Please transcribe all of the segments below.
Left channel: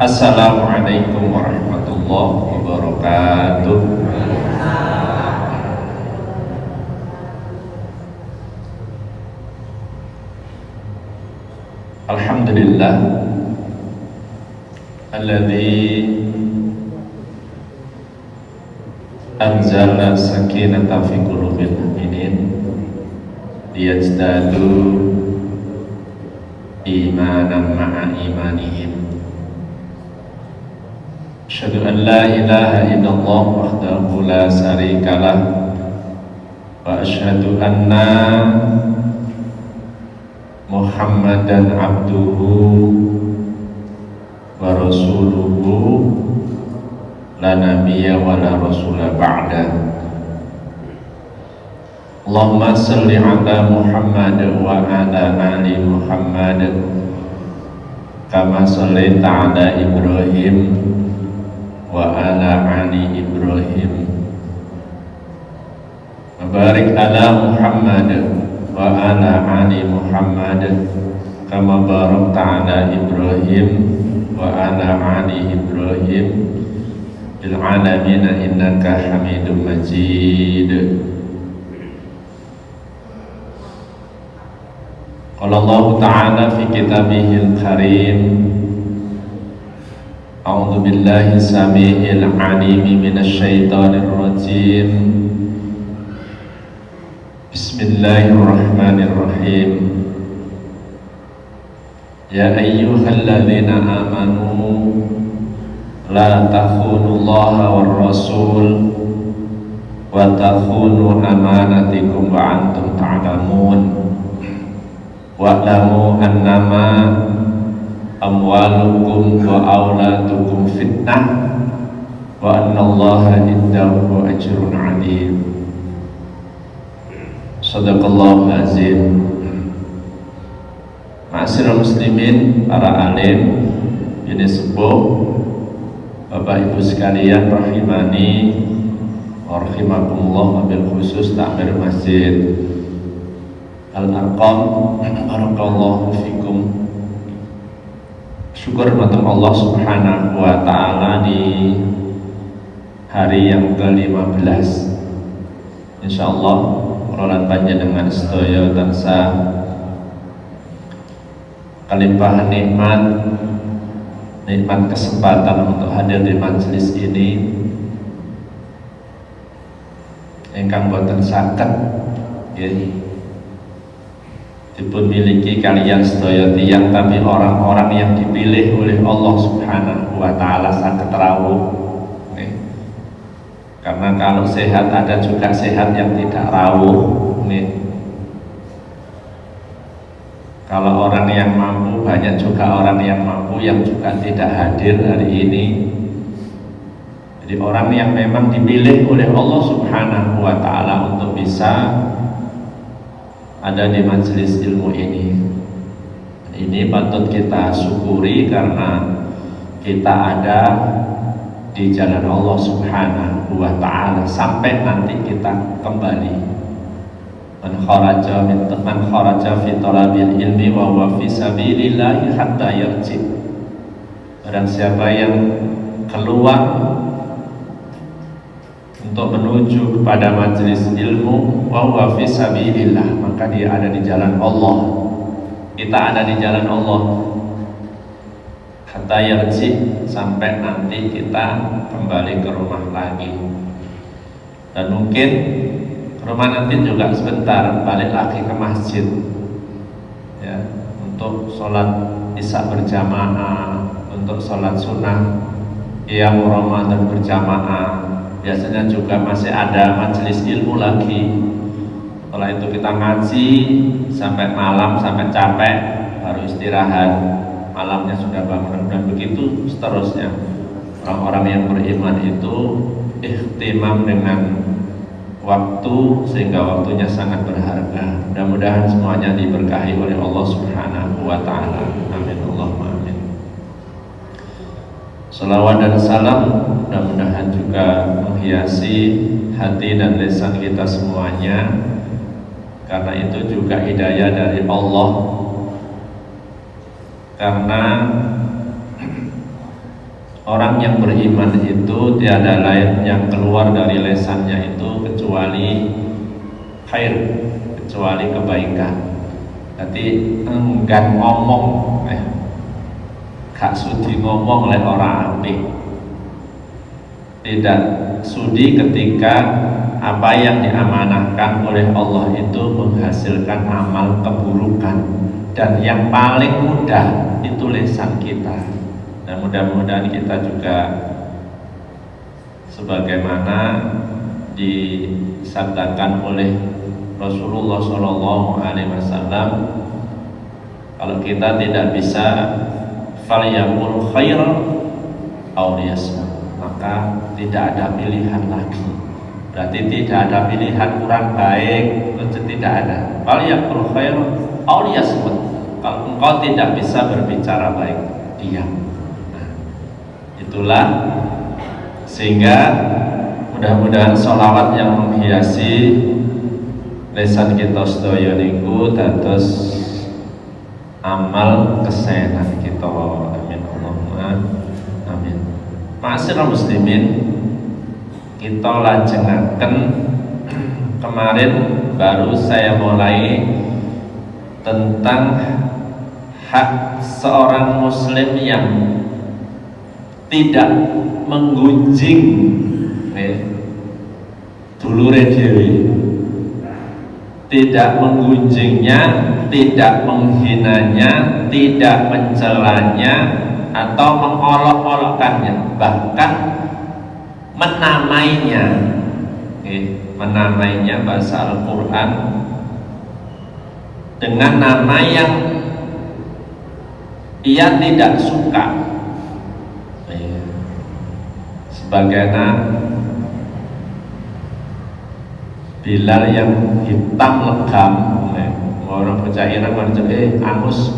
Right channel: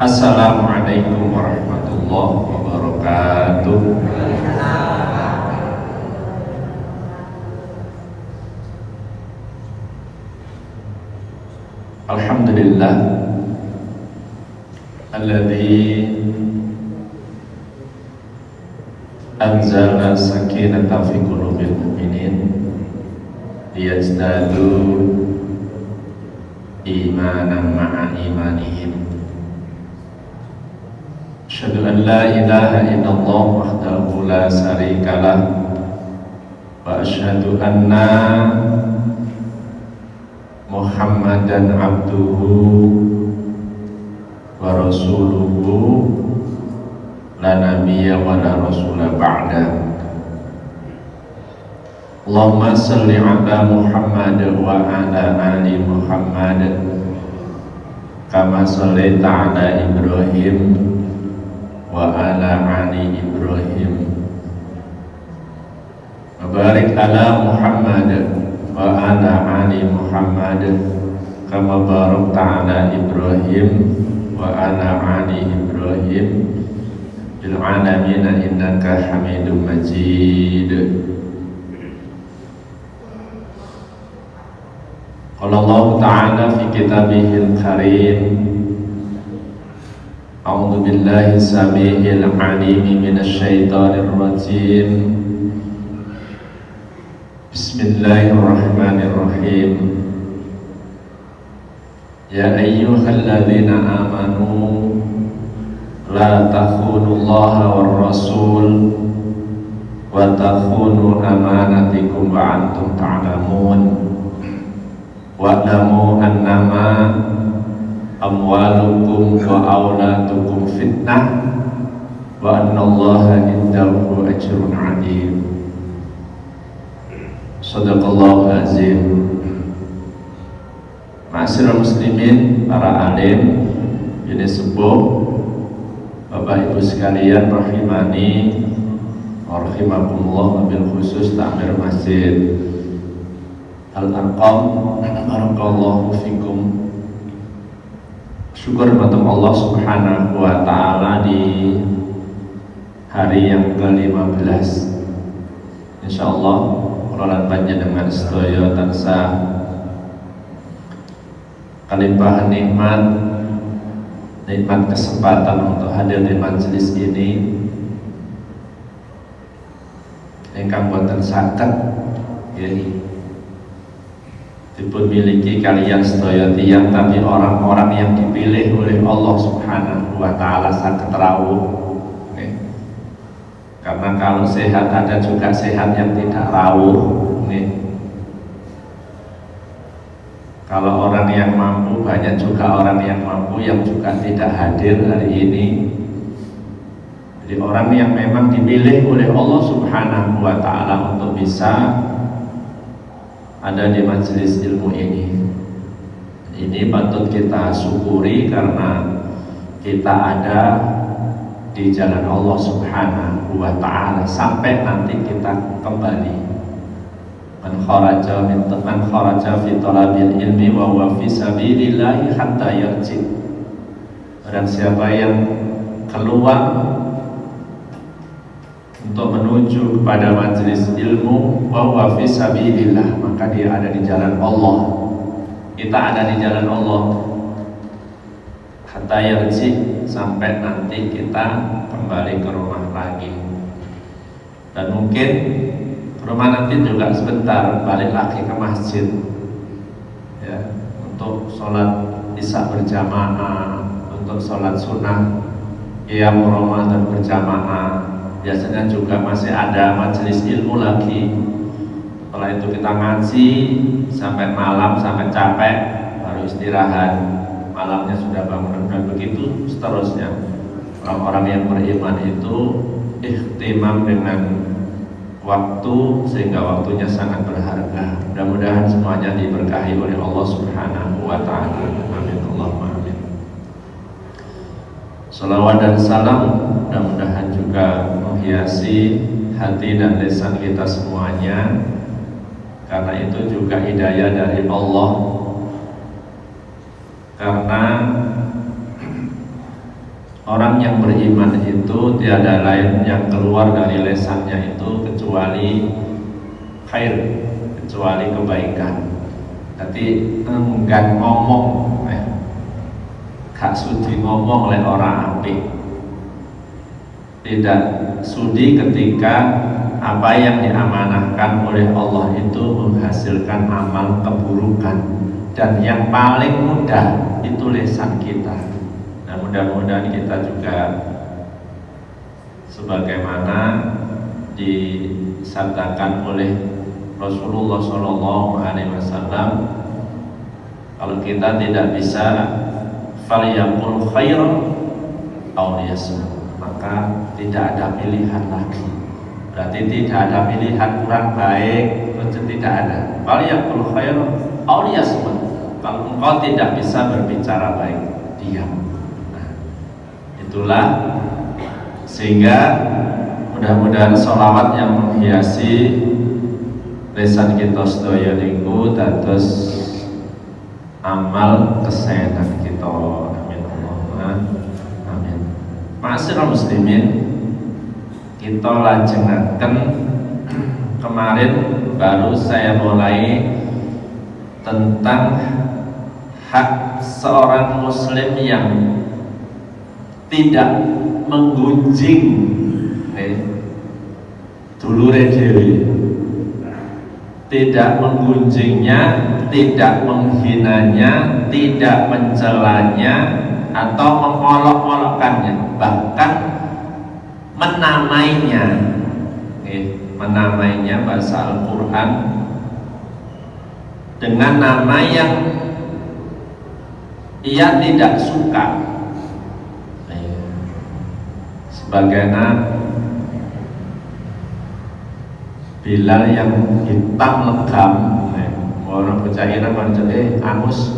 Assalamualaikum warahmatullahi wabarakatuh. Alhamdulillah alladzi anzala sakinata fi qulubil mu'minin liyazdadu imanan ma'a imanihim. Asyhadu an la ilaha illallah wahdahu la syarikalah wa asyhadu anna Muhammadan abduhu wa rasuluhu la nabiyya wa la rasula ba'da. Allahumma salli ala Muhammad wa ala ali Muhammad kama shallaita ala Ibrahim wa ala ali Ibrahim wa barik ala Muhammad wa ala ali Muhammad kama barakta ala Ibrahim wa ala ali Ibrahim fil alamin innaka Hamidum Majid. Qala Allah Ta'ala fi kitabihil karim, a'udzu billahi samii'il 'aliim minasy syaithaanir rajiim. Bismillahirrahmanirrahim. Ya ayyuhalladzina amanu la takhunullaha war rasul wa takhunu amanatikum wa antum ta'lamun. Wa'lamu annama amwalukum wa auladukum fitnah wa annallaha indahu ajrun 'alim. Shadaqallahu azim. Ma'asyiral muslimin, para alim, ini sepuh, Bapak Ibu sekalian rahimani wa rahimakumullah, wabil khusus takmir masjid Al-Arqam, barakallahu fikum. Syukur untuk Allah subhanahu wa ta'ala di hari yang ke-15. InsyaAllah rolan panjenengan sedaya tansah kalimpahan nikmat kesempatan untuk hadir di majelis ini ingkang boten saged dipun miliki kalian sedaya tiyang, tapi orang-orang yang dipilih oleh Allah subhanahu wa ta'ala saged rawuh. Karena kalau sehat ada juga sehat yang tidak rawuh. Kalau orang yang mampu, banyak juga orang yang mampu yang juga tidak hadir hari ini. Jadi orang yang memang dipilih oleh Allah subhanahu wa ta'ala untuk bisa ada di majelis ilmu ini patut kita syukuri karena kita ada di jalan Allah subhanahu wa ta'ala sampai nanti kita kembali. Man kharaja fi talabil ilmi wa huwa fi sabilillahi hatta yarji. Barang siapa yang keluar untuk menuju kepada majelis ilmu wa huwa fi sabilillah, maka dia ada di jalan Allah. Kita ada di jalan Allah hatta yarji, sampai nanti kita kembali ke rumah lagi. Dan mungkin rumah nanti juga sebentar balik lagi ke masjid ya, untuk sholat isya berjamaah, untuk sholat sunnah qiyam Ramadan berjamaah. Biasanya juga masih ada majelis ilmu lagi. Setelah itu kita ngaji sampai malam, sampai capek, baru istirahat. Malamnya sudah bangun dan begitu seterusnya. Orang-orang yang beriman itu ihtimam dengan waktu sehingga waktunya sangat berharga. Mudah-mudahan semuanya diberkahi oleh Allah subhanahu wa ta'ala. Amin Allahumma amin. Salawat dan salam mudah-mudahan juga menghiasi hati dan lisan kita semuanya, karena itu juga hidayah dari Allah. Karena Orang yang beriman itu tiada lain yang keluar dari lesannya itu kecuali khair, kecuali kebaikan. Jadi enggan ngomong, gak sudi ngomong oleh orang apik. Tidak sudi ketika apa yang diamanahkan oleh Allah itu menghasilkan amal keburukan. Dan yang paling mudah itu lisan kita. Dan mudah-mudahan kita juga sebagaimana disabdakan oleh Rasulullah SAW, kalau kita tidak bisa falyaqul khairan aw liyasmut, maka tidak ada pilihan lagi. Berarti tidak ada pilihan kurang baik, itu tidak ada. Falyaqul khairan aw liyasmut. Kalau engkau tidak bisa berbicara baik, diam. Itulah sehingga mudah-mudahan sholawat yang menghiasi lisan kita sedaya niku dados amal kesayangan kita. Amin Allahumma amin. Ma'asyiral muslimin, kita lajengaken kemarin baru saya mulai tentang hak seorang muslim yang tidak menggunjing dulure dhewe, tidak menggunjingnya, tidak menghinanya, tidak mencelanya atau mengolok-olokkannya, bahkan menamainya. Menamainya bahasa Al-Quran dengan nama yang ia tidak suka. Sebagaimana Bilal yang hitam legam, orang bocah Irak berjaya angus,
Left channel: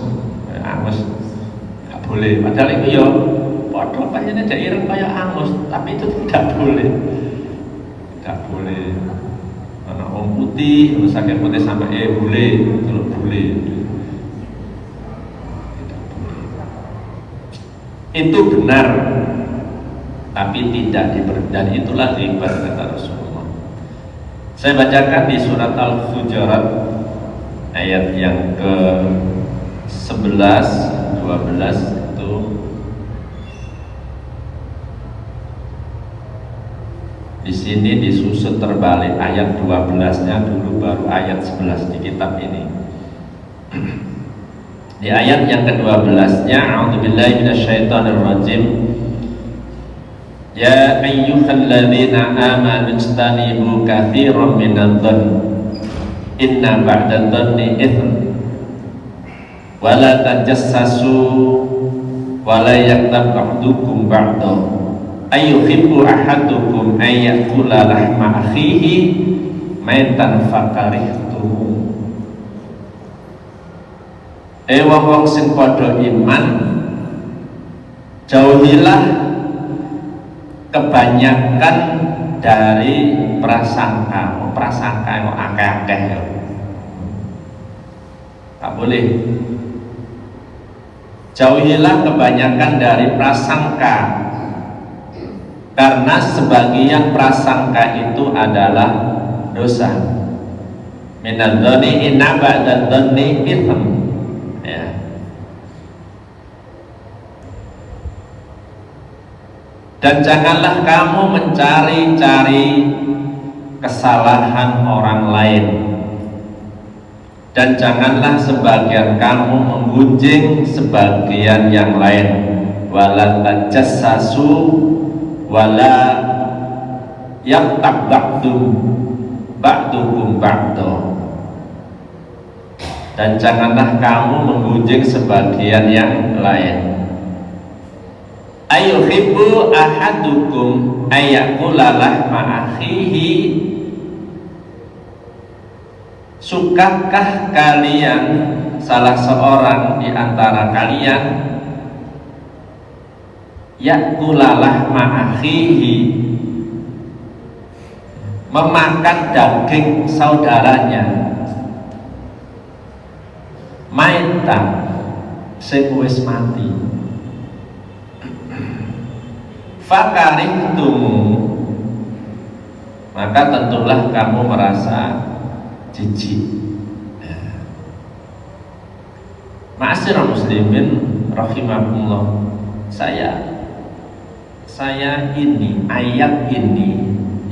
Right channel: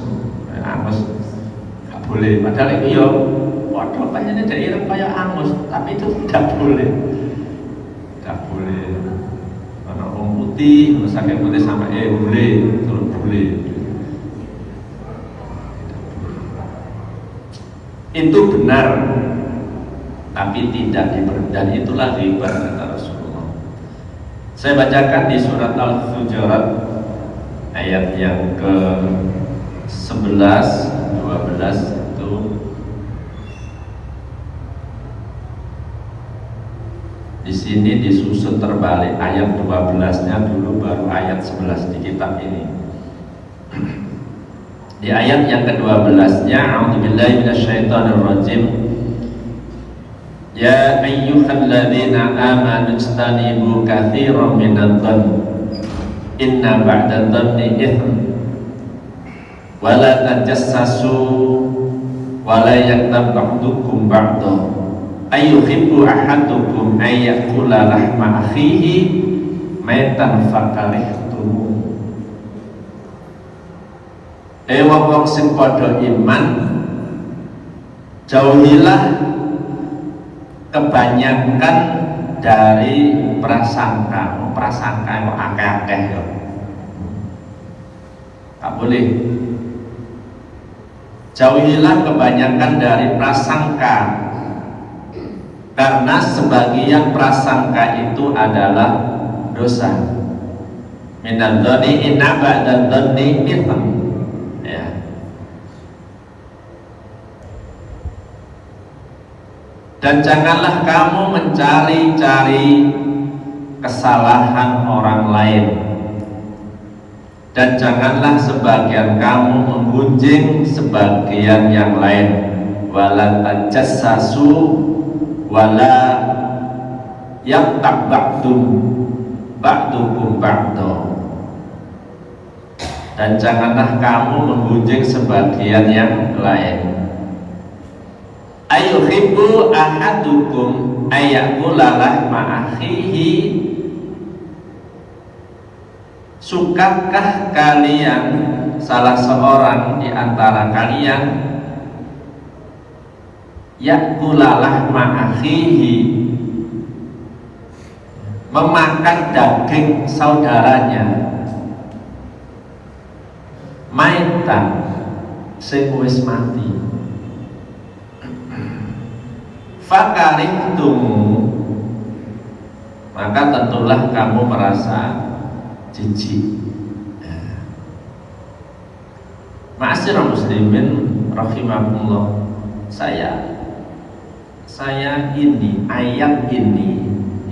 nggak boleh. Padahal itu ya, waduh kayaknya dari Irak kayak angus, tapi itu tidak boleh, tidak boleh. Karena orang putih, sakit putih sampai boleh, kalau boleh. Itu benar, tapi tidak dan itulah riba kata Rasulullah. Saya bacakan di surat Al-Hujurat ayat yang ke-11, 12 itu. Di sini disusun terbalik, ayat 12-nya dulu baru ayat 11 di kitab ini. Di ayat yang ke-12-nya, a'udzubillahi minasyaitonirrajim. Ya ayyuhalladzina amanu ijtanibu katsiran minadh-dhann inna ba'dadh-dhanni itsm wa la tajassasu wa la yaghtab ba'dukum ba'dha ayyuhibbu ahadukum an ya'kula lahma akhihi maitan fakarihtum. Wong sing padha iman, jauhilah kebanyakan dari prasangka yang akeh-akeh. Tak boleh. Jauhilah kebanyakan dari prasangka, karena sebagian prasangka itu adalah dosa. Minadh-dhani inna ba'dadh-dhanni itsm. Dan janganlah kamu mencari-cari kesalahan orang lain, dan janganlah sebagian kamu menggunjing sebagian yang lain. Wala tajassasu wala yaqtab ba'dukum ba'da. Dan janganlah kamu menggunjing sebagian yang lain. Ayuhibbu ahadukum ayakula lahma akhihi. Sukakah kalian, salah seorang di antara kalian, yakula lahma akhihi, memakan daging saudaranya, maitan sing wis mati. fakarihtumu, maka tentulah kamu merasa jijik. Ma'asyiral muslimin rahimakumullah, saya ini ayat ini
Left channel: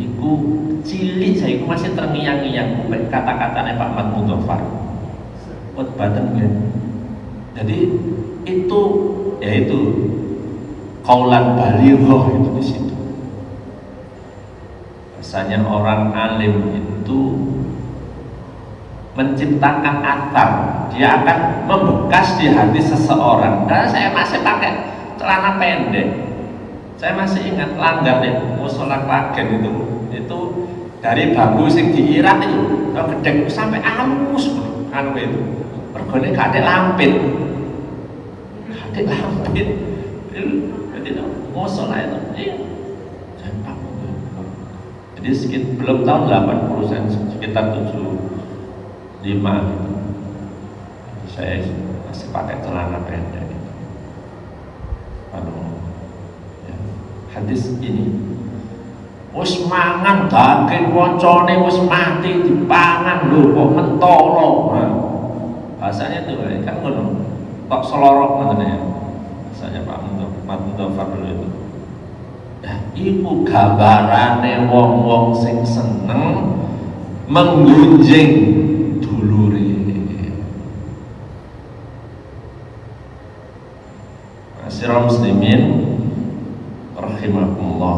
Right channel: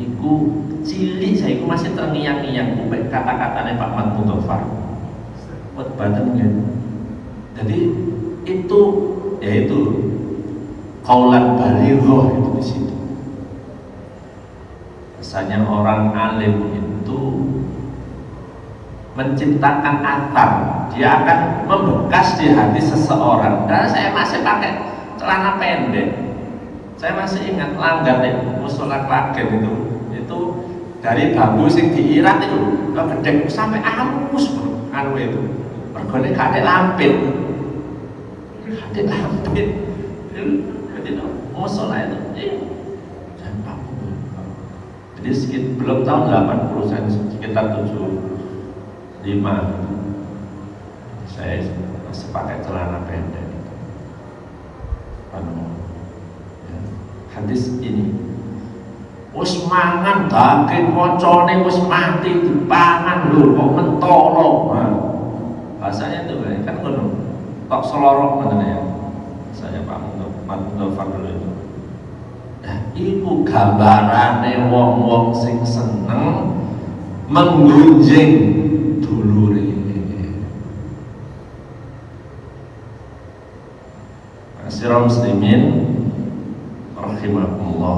iku cilik, saya iku masih terngiang-ngiang kata-katanya Pak Mat Mudhafar buat badannya. Jadi itu yaitu qaulan baligh itu di situ. Misalnya orang alim itu menciptakan athar, dia akan membekas di hati seseorang. Karena saya masih pakai celana pendek, saya masih ingat langgar nih musola Klagen itu dari bambu sing diirat itu kalau gedek sampai halus anu itu mergone gak ada lampit itu musola itu jadi sekitar belum tahun 80 sekitar 75 saya masih pakai celana pendek. Hadis ini wis mangan daging koncone wis mati dipangan lho kok mentolo. Bahasanya itu kan ngono. Kok selorok ngono ya. Bahasanya Pak Mudhafar dulu itu. Ya, iku gambarane wong-wong sing seneng menggunjing dulure. Ma'asyiral muslimin rahimakumullah,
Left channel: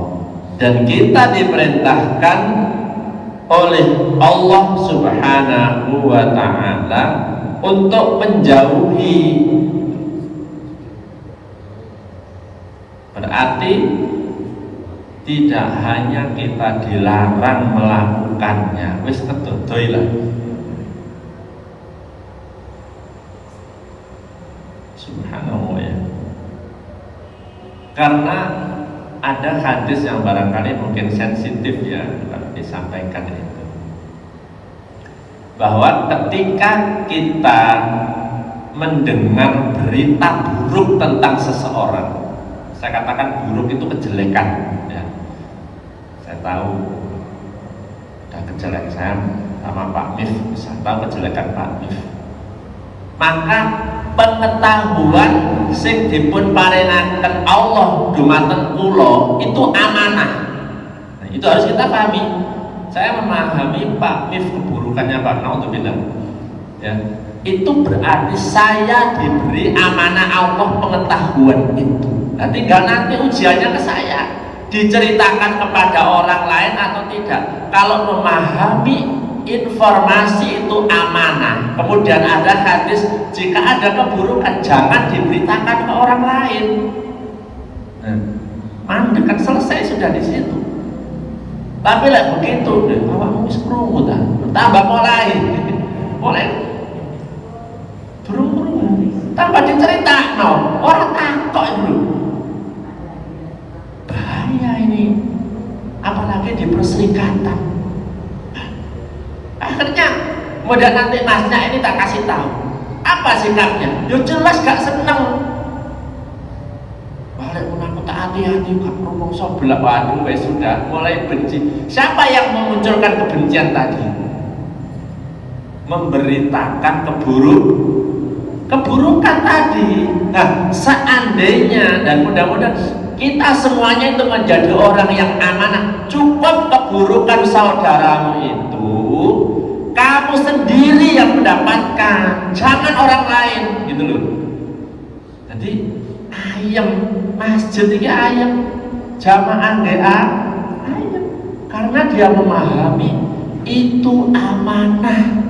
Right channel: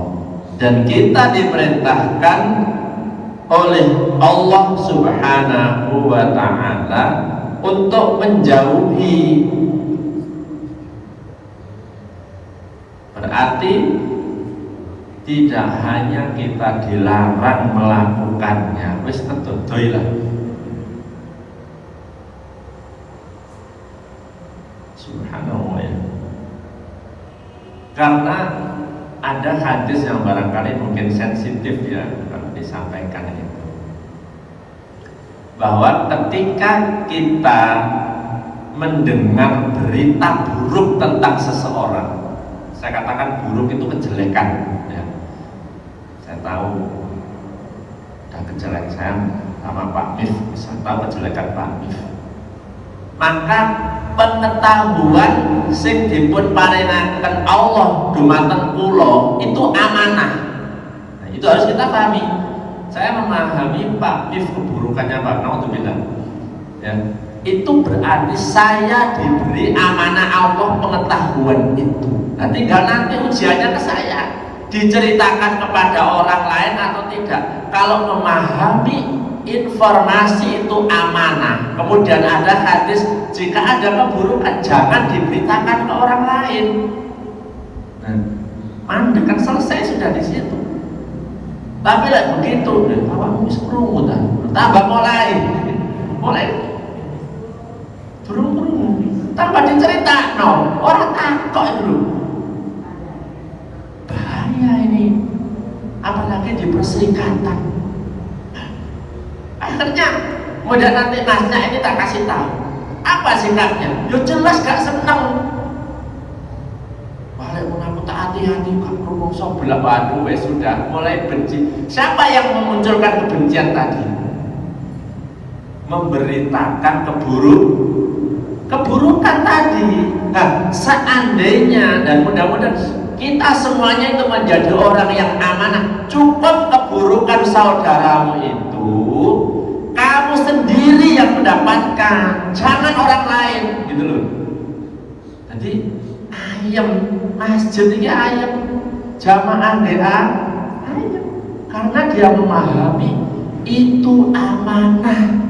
dan kita diperintahkan oleh Allah Subhanahu wa ta'ala untuk menjauhi. Berarti tidak hanya kita dilarang melakukannya, wis kedodoy lah. Subhanallah ya. Karena ada hadis yang barangkali mungkin sensitif ya kalau disampaikan itu, bahwa ketika kita mendengar berita buruk tentang seseorang, saya katakan buruk itu kejelekan ya. Saya tahu ada kejelekan saya sama Pak Mif, saya tahu kejelekan Pak Mif, maka pengetahuan sing dipun paringaken Allah dumateng kula itu amanah. Nah, itu harus kita pahami. Saya memahami Pak Mif keburukannya Pak Naudzubillah. Ya, itu berarti saya diberi amanah Allah pengetahuan itu. Nah, tinggal nanti ujiannya ke saya, diceritakan kepada orang lain atau tidak. Kalau memahami informasi itu amanah, kemudian ada hadis jika ada keburukan jangan diberitakan ke orang lain. Mandek kan selesai sudah di situ. Tapi lah begitu, awakmu wis krungu ta, tambah mulai durung tambah diceritakno, ora takok itu. Bahaya ini, apalagi di perserikatan. Akhirnya kemudian nanti masnya ini tak kasih tahu apa sikapnya, yo jelas gak seneng. Balik pun aku tak hati-hati gak ngomong sebelah, waduh wes sudah mulai benci. Siapa yang memunculkan kebencian tadi? Memberitakan keburukan tadi. Nah, seandainya dan mudah-mudahan kita semuanya itu menjadi orang yang amanah, cukup keburukan saudaramu itu kamu sendiri yang mendapatkan, jangan orang lain, gitu loh. Jadi ayam masjid ini ayam, jamaah DA ayam, karena dia memahami itu amanah.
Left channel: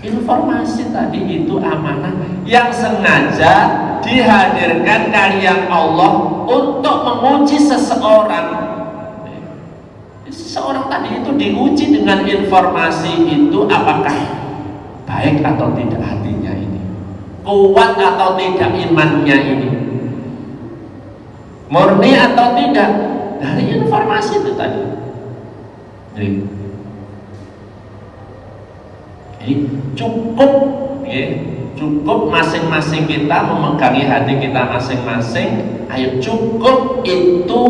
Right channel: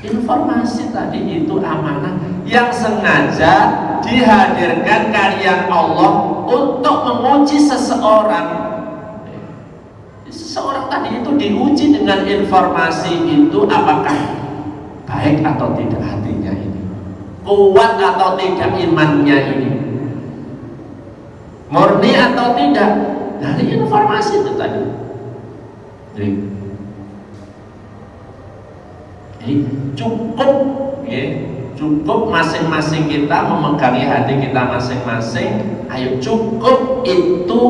Informasi tadi itu amanah yang sengaja dihadirkan kalian Allah untuk menguji seseorang. Seseorang tadi itu diuji dengan informasi itu, apakah baik atau tidak hatinya ini, kuat atau tidak imannya ini, murni atau tidak dari informasi itu tadi. Jadi cukup ya, cukup masing-masing kita memegangi hati kita masing-masing. Ayo, cukup itu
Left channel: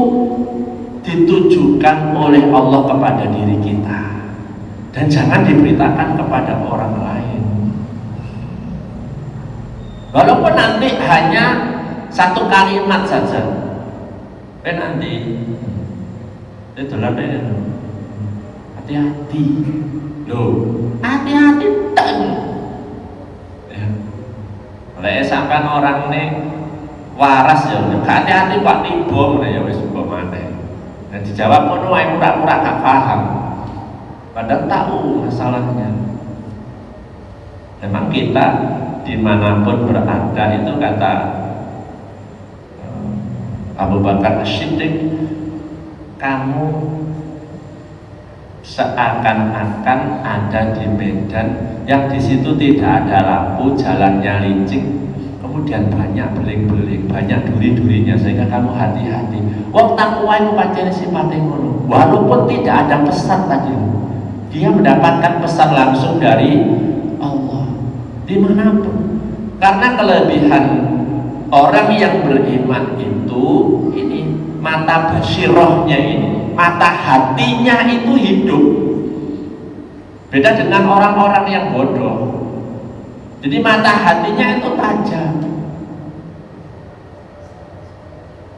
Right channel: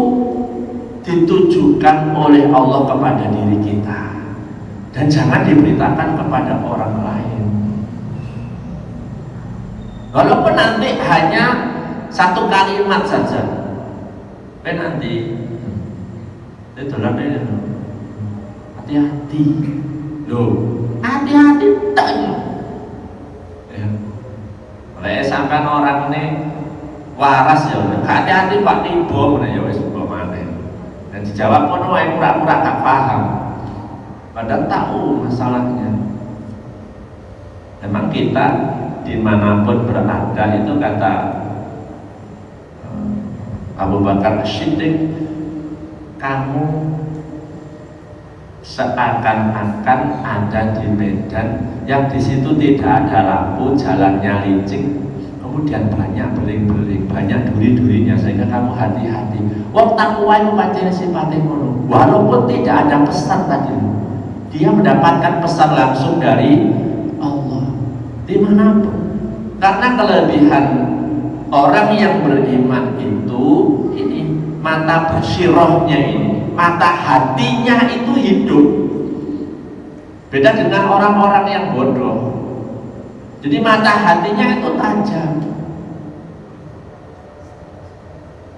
ditujukan oleh Allah kepada diri kita dan jangan diberitakan kepada orang lain. Walaupun nanti hanya satu kalimat saja, nanti itu hati-hati loh, hati-hati tak ya. Seakan orang ini waras ya, hati-hati pak tiba mana ya wis mana. Dan dijawab pun yang pura-pura gak paham, padahal tahu masalahnya. Memang kita dimanapun berada itu kata Abu Bakar As-Siddiq, kamu seakan-akan ada di medan yang di situ tidak ada lampu, jalannya licin, kemudian banyak beling-beling, banyak duri-durinya, sehingga kamu hati-hati. Wong takwa itu pancen sifatnya ngono. Walaupun tidak ada pesan tadi, dia mendapatkan pesan langsung dari Allah dimanapun. Karena kelebihan orang yang beriman itu ini mata basirohnya ini, mata hatinya itu hidup. Beda dengan orang-orang yang bodoh. Jadi mata hatinya itu tajam.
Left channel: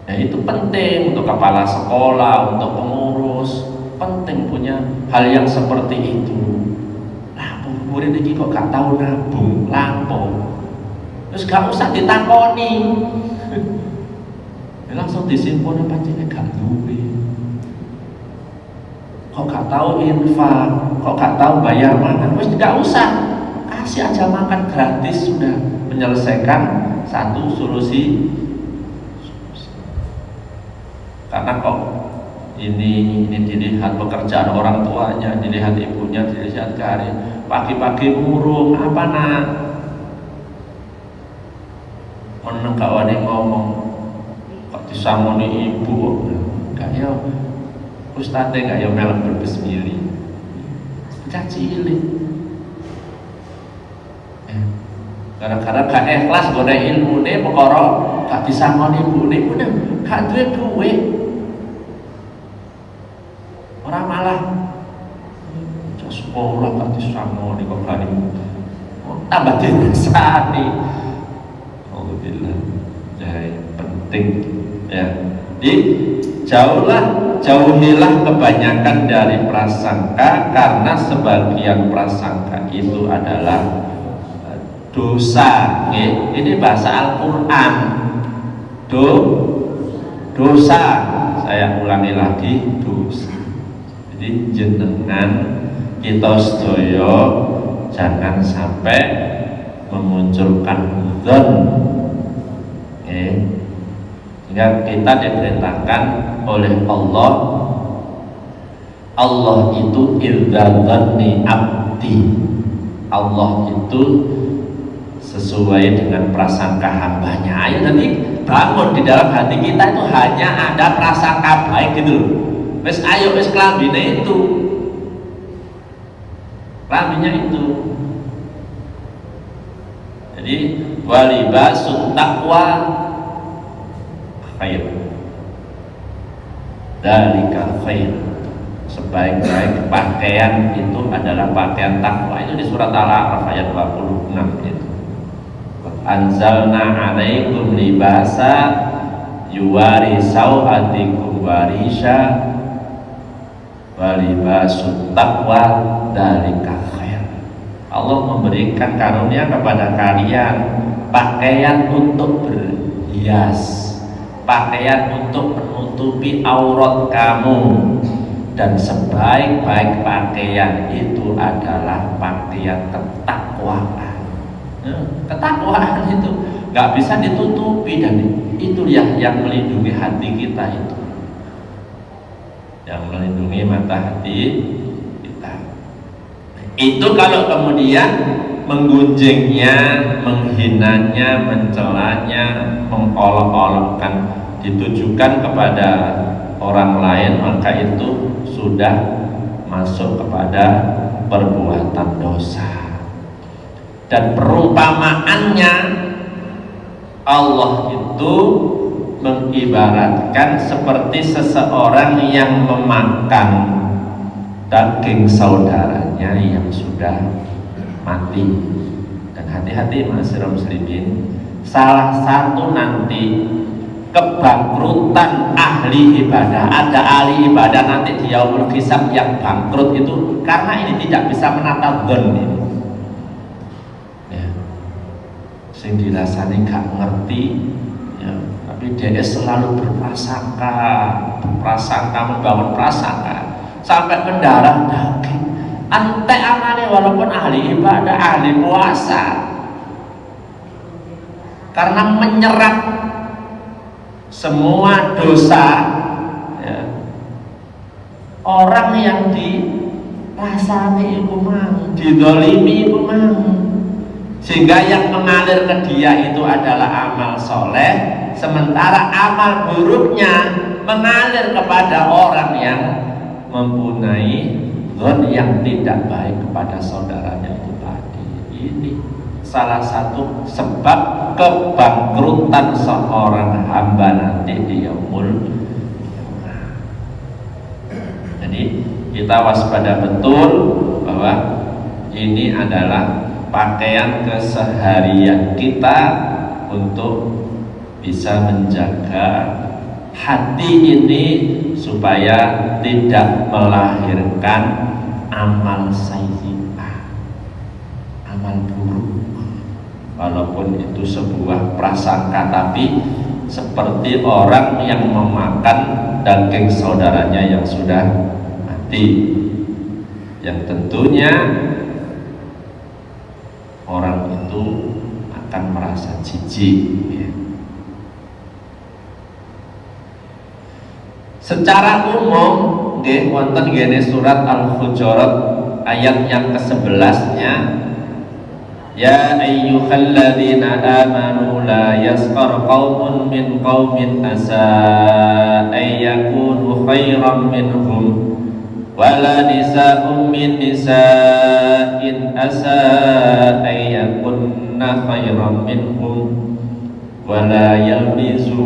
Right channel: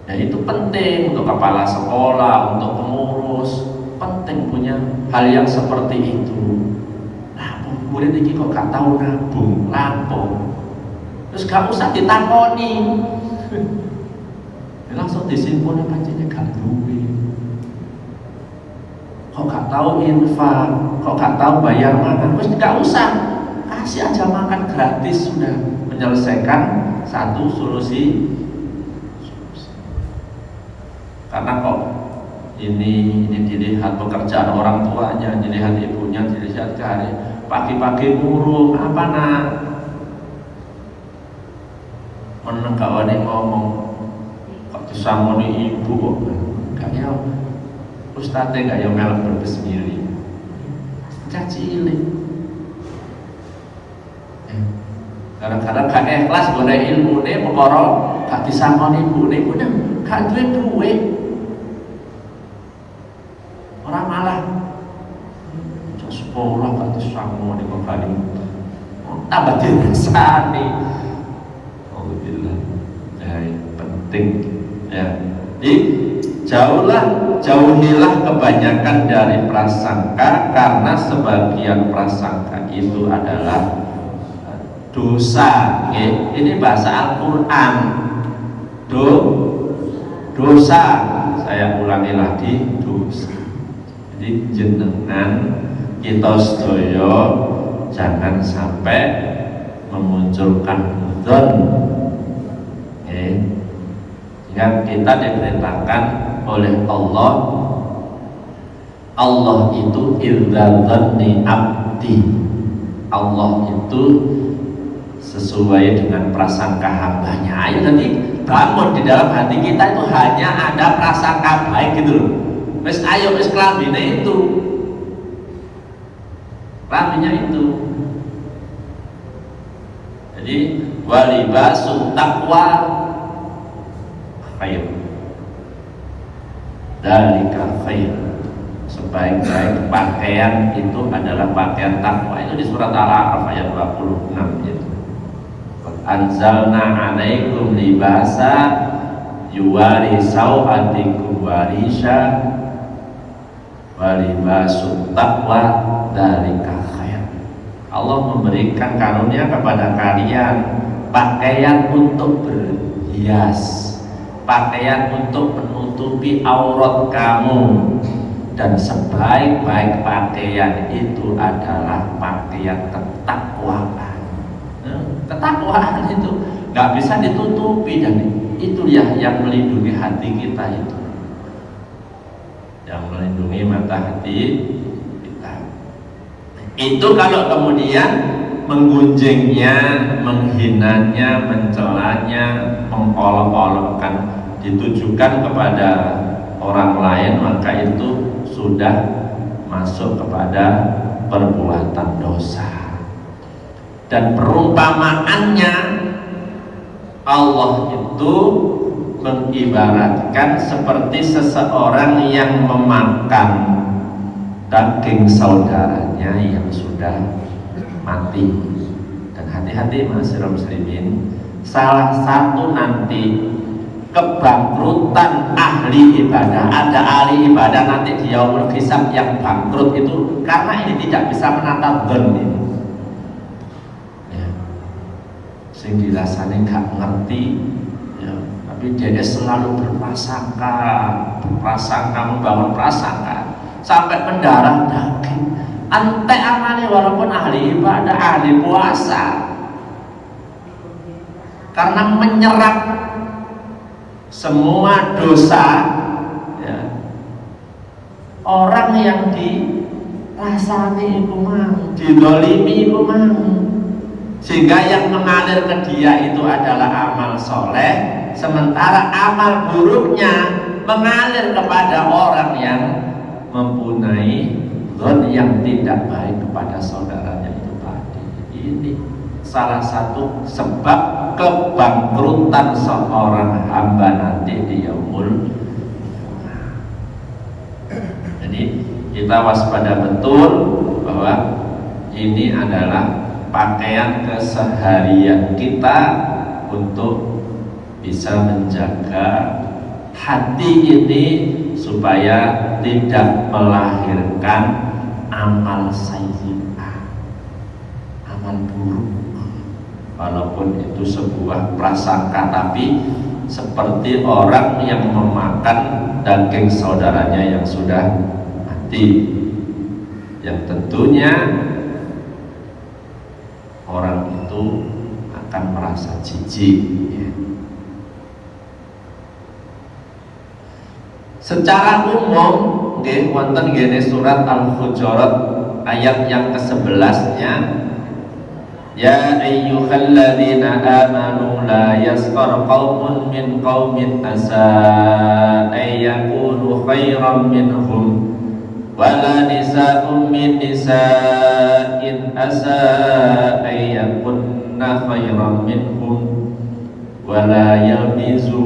Ya itu penting untuk kepala sekolah, untuk pengurus, penting punya hal yang seperti itu. Lampu murid ini kok gak tahu nabung lampu. Terus gak usah ditakoni, langsung disimpan pancene gak duwe. Kok gak tahu infak, kok gak tahu bayar makan, terus gak usah, kasih aja makan gratis, sudah menyelesaikan satu solusi. Karena kok ini dilihat pekerjaan orang tuanya, dilihat ibunya, dilihat karir, pagi-pagi murung apa nak? Menegawani ngomong kok disamoni ibu kayaknya ustadnya gak yang melek berbismillah caci ini gara-gara gak ikhlas gak ilmu ini perkara gak disamoni ibu ini pun gak duwe duit orang malah sekolah gak disamoni kok gak tambah dirasani. Penting ya. Jadi jauhilah kebanyakan dari prasangka, karena sebagian prasangka itu adalah dosa. Ini bahasa Al-Quran. Dosa. Saya ulangi lagi, dosa. Jadi jenengan kita sedaya jangan sampai memunculkan dzon. Sehingga kita diperintahkan oleh Allah itu irdadzanni abdi. Allah itu sesuai dengan prasangka hambanya. Ayo nanti bangun di dalam hati kita itu hanya ada prasangka baik gitu loh. Wes ayo wes kelambine itu, kelambinya itu. Jadi walibasut taqwa khair, dzalika khair. Sebaik-baik pakaian itu adalah pakaian takwa. Itu di surat Al-A'raf ayat 26 itu. Anzalna 'alaikum libasa yuwari sau'atikum warisha wa libasut taqwa dzalika khair. Allah memberikan karunia kepada kalian pakaian untuk berhias, pakaian untuk menutupi aurat kamu, dan sebaik-baik pakaian itu adalah pakaian ketakwaan. Ketakwaan itu nggak bisa ditutupi, dan itu yang melindungi hati kita itu, yang melindungi mata hati kita. Itu kalau kemudian menggunjingnya, menghinanya, mencelanya, mengolok-olokkan ditujukan kepada orang lain, maka itu sudah masuk kepada perbuatan dosa. Dan perumpamaannya, Allah itu mengibaratkan seperti seseorang yang memakan daging saudaranya yang sudah mati. Dan hati-hati ma'asyiral muslimin, salah satu nanti kebangkrutan ahli ibadah, ada ahli ibadah nanti di yaumul hisab yang bangkrut itu karena ini tidak bisa menata dzon ini. Ya. Sing dirasani gak ngerti, ya, tapi dia selalu berprasangka membangun prasangka sampai mendarah daging. Ante amane walaupun ahli ibadah, ahli puasa, karena menyerap semua dosa, ya, orang yang dirasani itu mang, didolimi itu mang, sehingga yang mengalir ke dia itu adalah amal soleh, sementara amal buruknya mengalir kepada orang yang mempunyai dzon yang tidak baik kepada saudaranya itu tadi. Ini salah satu sebab kebangkrutan seorang hamba nanti di yaumul. Jadi kita waspada betul bahwa ini adalah pakaian keseharian kita untuk bisa menjaga hati ini supaya tidak melahirkan amal sayyi'ah, amal buruk. Walaupun itu sebuah prasangka, tapi seperti orang yang memakan daging saudaranya yang sudah mati, yang tentunya orang itu akan merasa jijik. Secara umum, wonten gene surat Al-Hujurat ayat yang ke-11-nya, ya ayyuhalladzina amanu la yaskhar qaumun min qaumin asa ayyakunu khairan minhum wala nisa'un min nisa'in asa ayyakunna khairan minhum wala yalbisu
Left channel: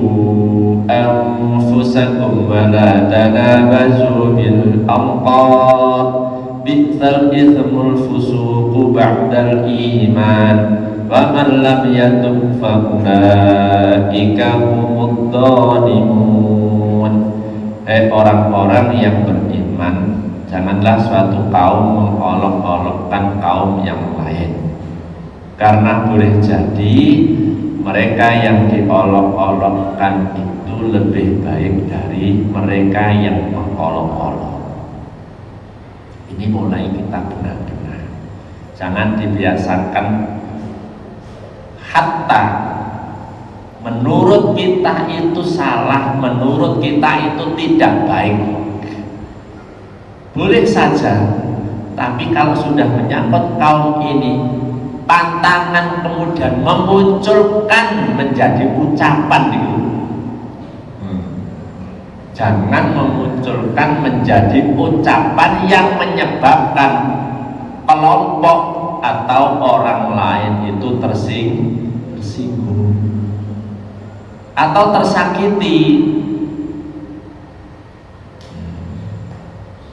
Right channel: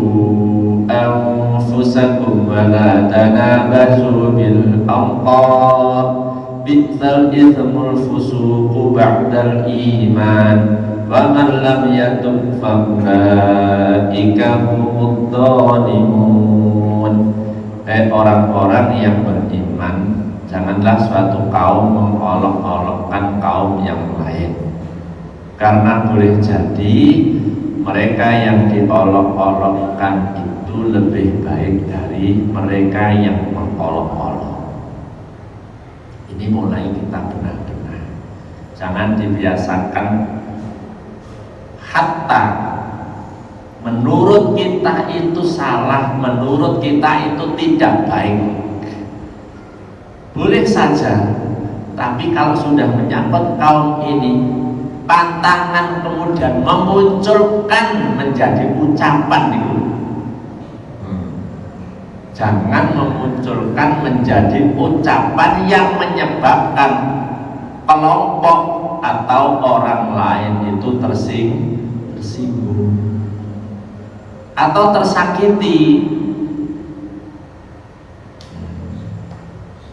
anfusakum wala tanabazu bil alqab bi'sal itsmul fusuqu ba'dal iman wa man lam yatub fa ulaika humud dhalimun. Orang-orang yang beriman, janganlah suatu kaum mengolok-olokkan kaum yang lain, karena boleh jadi mereka yang diolok-olokkan itu lebih baik dari mereka yang mengolok-olok. Ini mulai kita benar-benar jangan dibiasakan hatta menurut kita itu salah, menurut kita itu tidak baik. Boleh saja, tapi kalau sudah menyangkut kaum ini, pantangan kemudian memunculkan menjadi ucapan itu. Jangan memunculkan menjadi ucapan yang menyebabkan kelompok atau orang lain itu tersinggung atau tersakiti.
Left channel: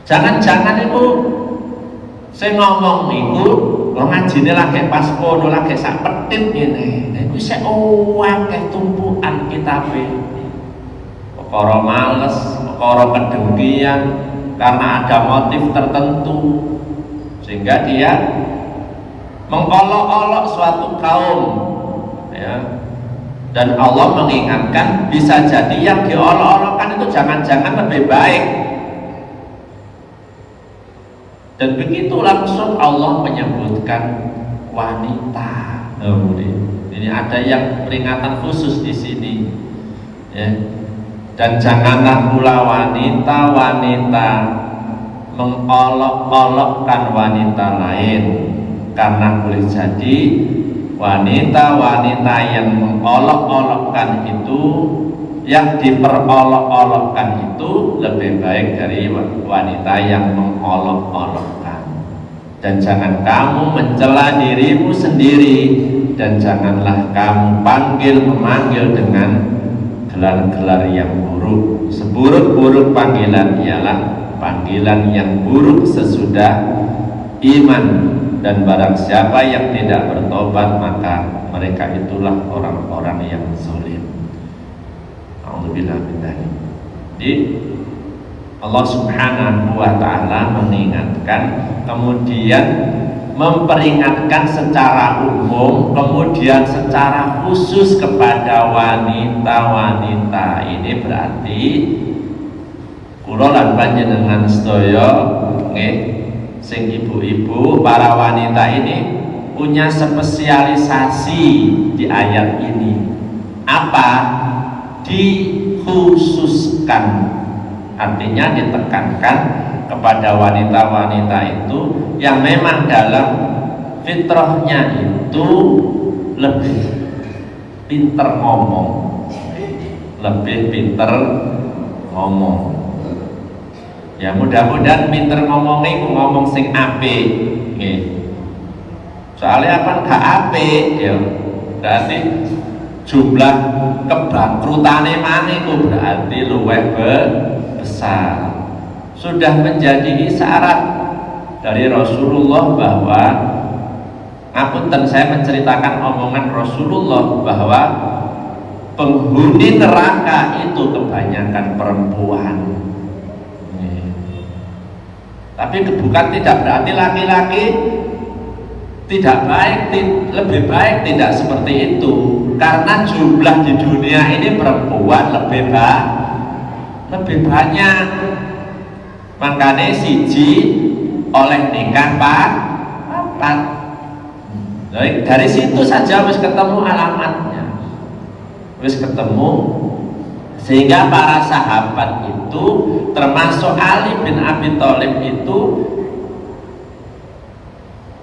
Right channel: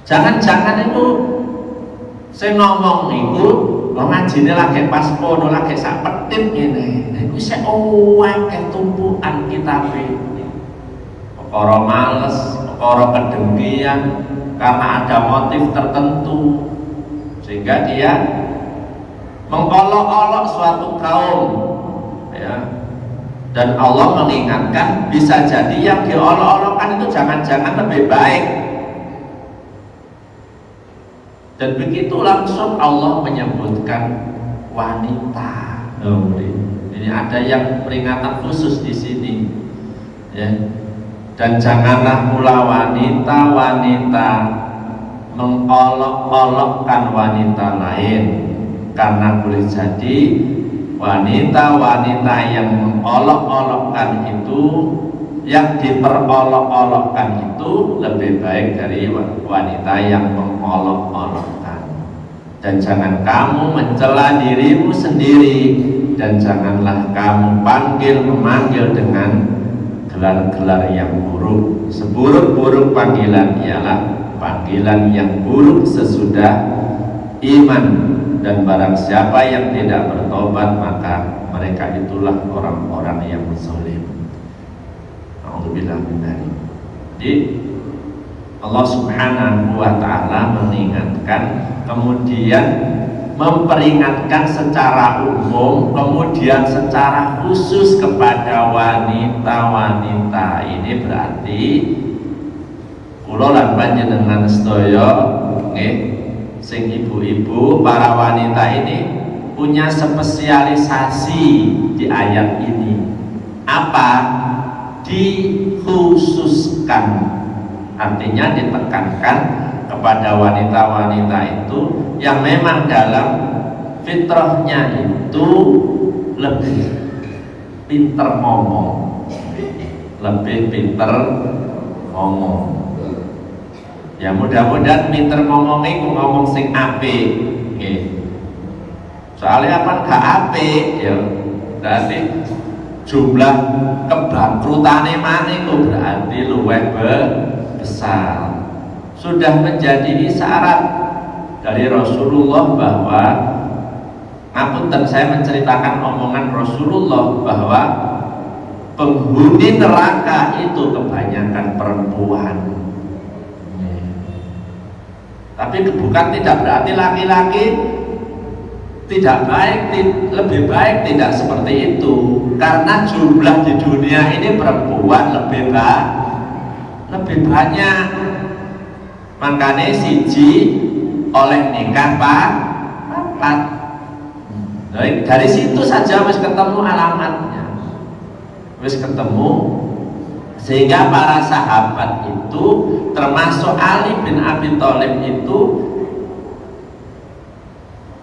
Jangan-jangan itu saya ngomong niku lo ngajine lagi pas kono lagi sak petit ngene. Niku sik akeh tumpukan kitabe. Perkara males, perkara kedengkian, karena ada motif tertentu sehingga dia mengolok-olok suatu kaum, ya. Dan Allah mengingatkan bisa jadi yang diolok-olokkan itu jangan-jangan lebih baik. Dan begitu langsung Allah menyebutkan wanita. Ini ada yang peringatan khusus di sini, ya. Dan janganlah pula wanita-wanita mengolok-olokkan wanita lain, karena boleh jadi wanita-wanita yang mengolok-olokkan itu, yang diperolok-olokkan itu lebih baik dari wanita yang mengolok-olokkan. dan jangan kamu mencela dirimu sendiri, dan janganlah kamu memanggil dengan gelar-gelar yang buruk. Seburuk-buruk panggilan ialah panggilan yang buruk sesudah iman, dan barang siapa yang tidak bertobat maka mereka itulah orang-orang yang zalim. Alhamdulillah. Jadi Allah Subhanahu wa Ta'ala mengingatkan, kemudian memperingatkan secara umum, kemudian secara khusus kepada wanita-wanita. Ini berarti kula lan panjenengan sedaya nggih, sing ibu-ibu, para wanita ini punya spesialisasi di ayat ini. Apa? Dikhususkan, artinya ditekankan kepada wanita-wanita itu yang memang dalam fitrahnya itu lebih pinter ngomong, ya mudah-mudahan pinter ngomongnya itu ngomong sing apik nggih. Soalnya apa gak apik ya berarti jumlah kebangkrutane maneh itu berarti luwih besar. Sudah menjadi isyarat dari Rasulullah bahwa, ngapunten saya menceritakan omongan Rasulullah bahwa penghuni neraka itu kebanyakan perempuan. Tapi bukan tidak berarti laki-laki tidak baik, lebih baik, tidak seperti itu. Karena jumlah di dunia ini perempuan lebih banyak. Makanya siji oleh nikah papat. Dari situ saja wis ketemu alamatnya, wis ketemu. Sehingga para sahabat itu termasuk Ali bin Abi Thalib itu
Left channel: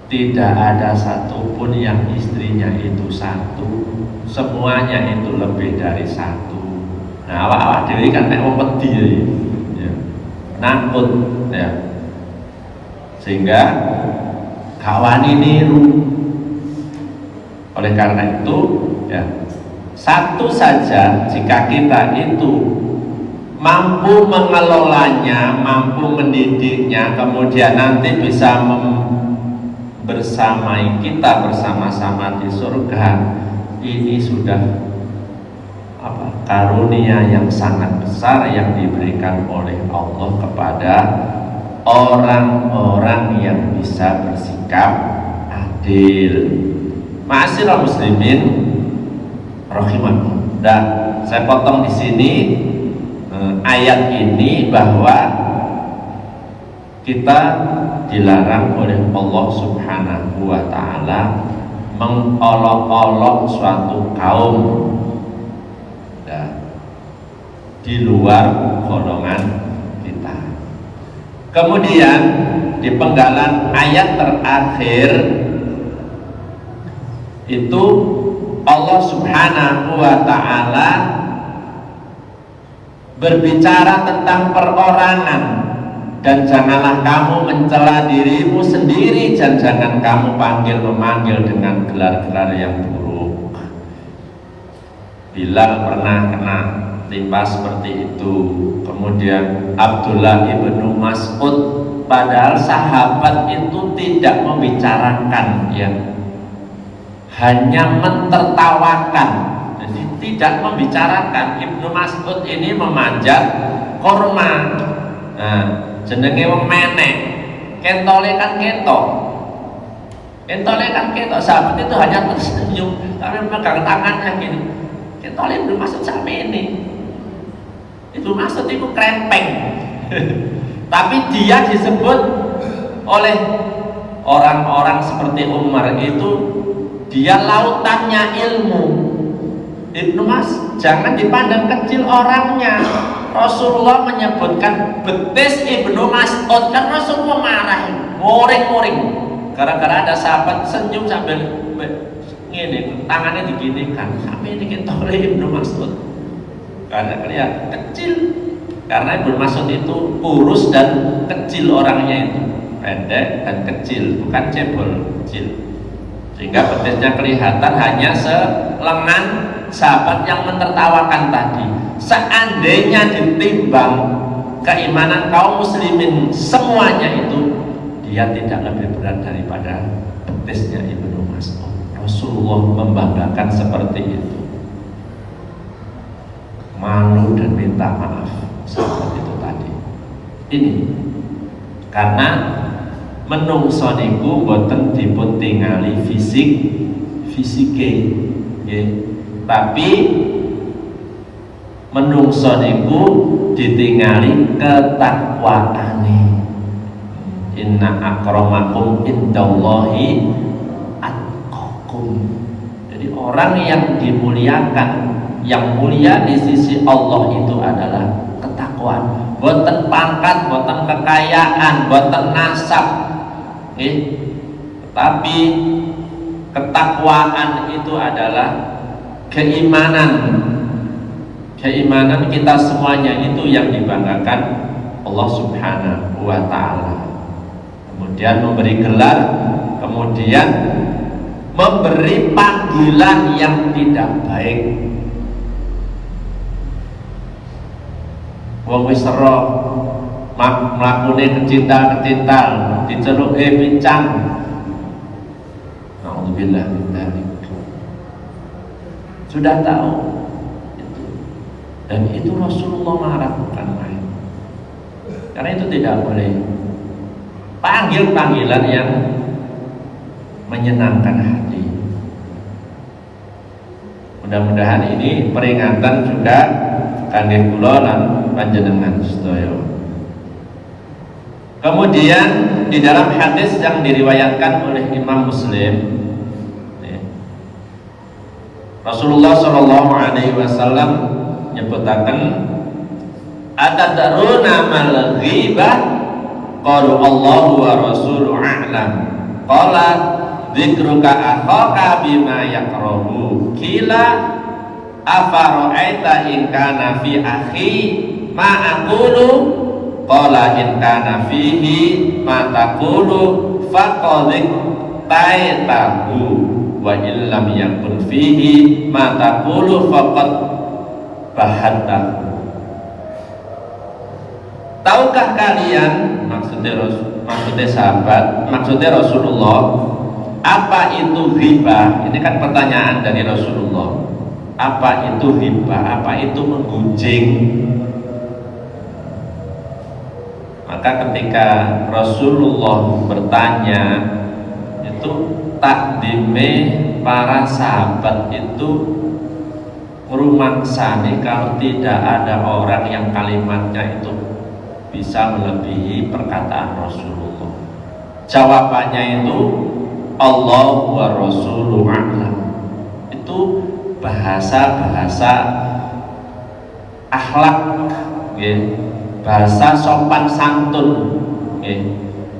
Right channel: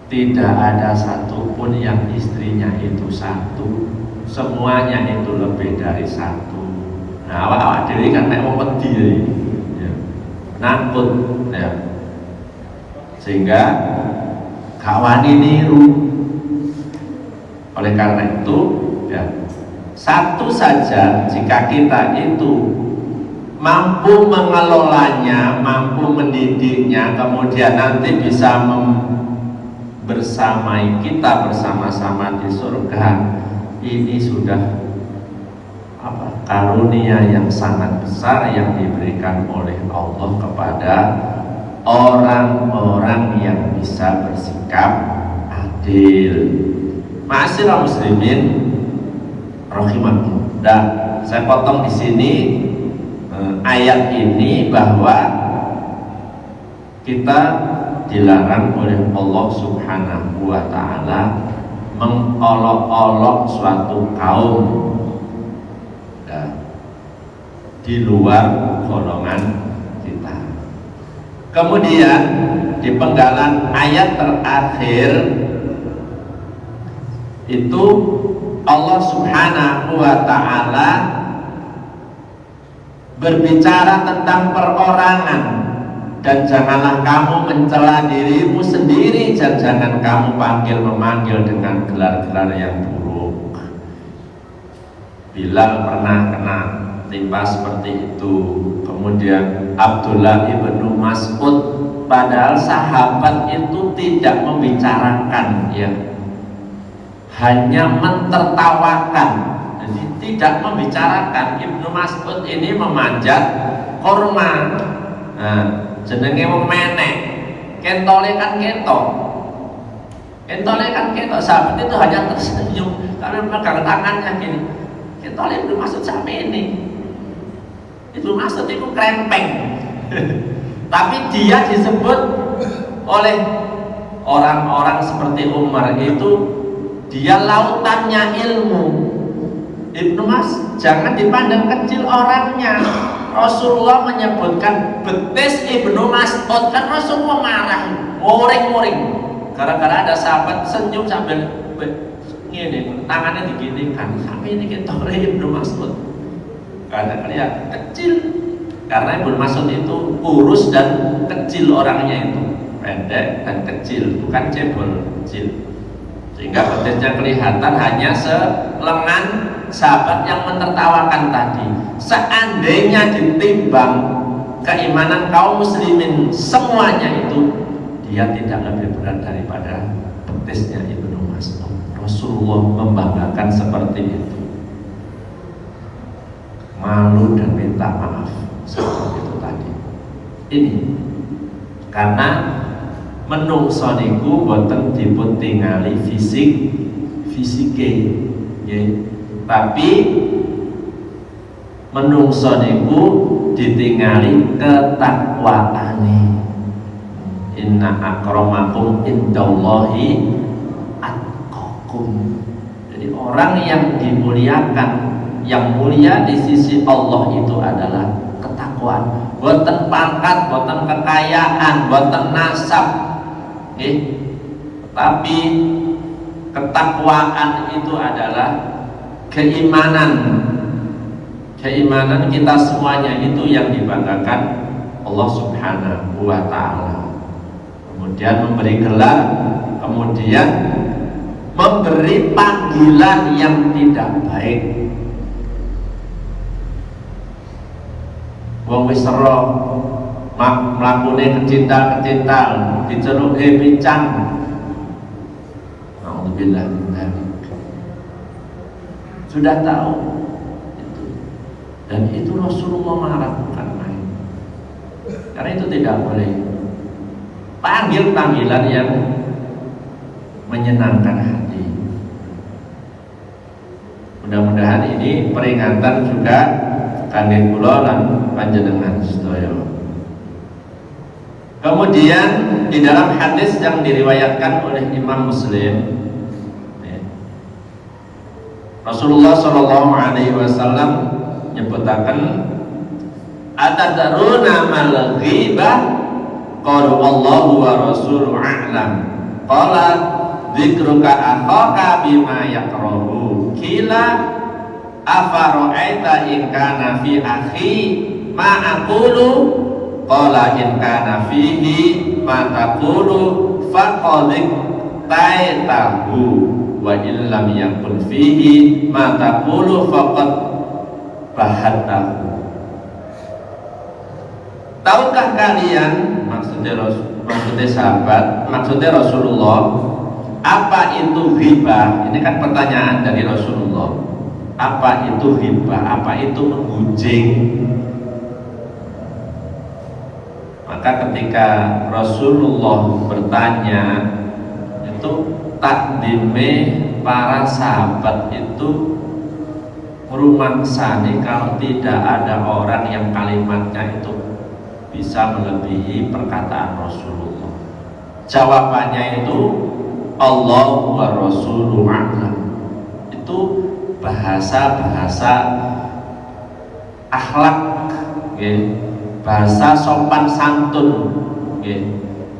tidak ada satupun yang istrinya itu satu, semuanya itu lebih dari satu. Nah, awak diri kan nek wong wedi ya, nakut ya, sehingga kawan niru. Oleh karena itu ya, satu saja jika kita itu mampu mengelolanya, mampu mendidiknya, kemudian nanti bisa bersamai kita bersama-sama di surga, ini sudah karunia yang sangat besar yang diberikan oleh Allah kepada orang-orang yang bisa bersikap adil. Ma'asyiral muslimin rahimahullah. Dan saya potong di sini ayat ini bahwa kita dilarang oleh Allah Subhanahu wa Ta'ala mengolok-olok suatu kaum di luar golongan kita. Kemudian di penggalan ayat terakhir itu Allah Subhanahu wa Ta'ala berbicara tentang perorangan, dan janganlah kamu mencela dirimu sendiri, dan jangan kamu memanggil dengan gelar-gelar yang buruk. Bilal pernah kena timpa seperti itu. Kemudian Abdullah ibnu Mas'ud, padahal sahabat itu tidak membicarakan ya, hanya mentertawakan, jadi tidak membicarakan. Ibnu Mas'ud ini memanjat korma, nah, jenenge wong menek, kentole kan ketok, sahabat itu hanya tersenyum, tapi memegang tangannya gini, kentole Ibnu Mas'ud sampai ini. Ibnu Mas'ud itu krempeng tapi dia disebut oleh orang-orang seperti Umar itu dia lautannya ilmu. Ibnu Mas, jangan dipandang kecil orangnya. Rasulullah menyebutkan betis Ibnu Mas'ud, kan Rasulullah marah, ngoring-ngoring gara-gara ada sahabat senyum sambil ini tangannya diginikan, sampai ini kita Ibnu Mas'ud karena kelihatan kecil, karena Ibnu Mas'ud itu kurus dan kecil orangnya itu. pendek dan kecil, bukan cebol, kecil. Sehingga betisnya kelihatan hanya selengan sahabat yang menertawakan tadi. Seandainya ditimbang keimanan kaum muslimin semuanya itu, dia tidak lebih berat daripada betisnya Ibnu Mas'ud. Rasulullah membanggakan seperti itu. Malu dan minta maaf seperti itu tadi. Ini karena menungso niku boten dipun tingali fisike nggih, tapi menungso niku ditingali ketakwaane. Inna akramakum indallahi atqakum. Jadi orang yang dimuliakan, yang mulia di sisi Allah itu adalah ketakwaan. Boten pangkat, boten kekayaan, boten nasab, tapi ketakwaan itu adalah keimanan. Keimanan kita semuanya itu yang dibanggakan Allah Subhanahu wa ta'ala. Kemudian memberi gelar, kemudian memberi panggilan yang tidak baik. Wong wis ero mlakune kecintal diceluk pincang. Alhamdulillah, sudah tahu itu. Dan itu Rasulullah mengharapkan, karena itu tidak boleh. Panggil panggilan yang menyenangkan hati. Mudah-mudahan ini peringatan juga kangge kula lan panjenengan sedaya. Kemudian di dalam hadis yang diriwayatkan oleh Imam Muslim, Rasulullah Shallallahu Alaihi Wasallam nyebutaken, atadruna mal ghibah? Qalu Allahu wa rasuluhu a'lam. Qala dzikruka akhaka bima yakrahu. Kila afara'aita in kana fi akhi ma aqulu. Qala in kana fihi ma taqulu faqad taitahu wa illam yakun fihi ma taqulu faqad bahattahu. Tahukah kalian, maksudnya sahabat, maksudnya Rasulullah, apa itu ghibah? Ini kan pertanyaan dari Rasulullah. Apa itu ghibah? Apa itu menggunjing? Maka ketika Rasulullah bertanya, itu takdime para sahabat itu merumangsani kalau tidak ada orang yang kalimatnya itu bisa melebihi perkataan Rasulullah. Jawabannya itu Allah wa Rasuluhu a'lam. Itu bahasa-bahasa akhlak, bahasa sopan santun.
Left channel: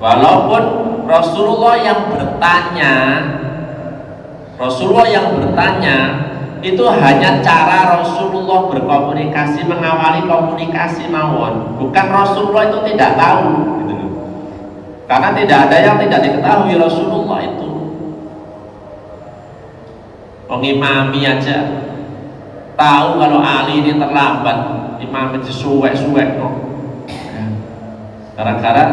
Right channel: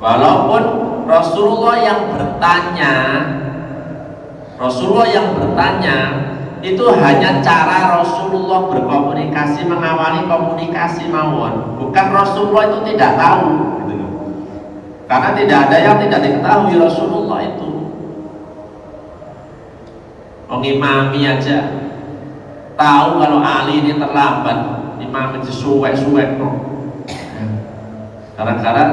Walaupun Rasulullah yang bertanya itu hanya cara Rasulullah berkomunikasi, mengawali komunikasi mawon. Bukan Rasulullah itu tidak tahu, gitu. Karena tidak ada yang tidak diketahui Rasulullah itu. Mengimami aja tahu kalau Ali ini terlambat, imam itu suwek-suwek no. Gara-gara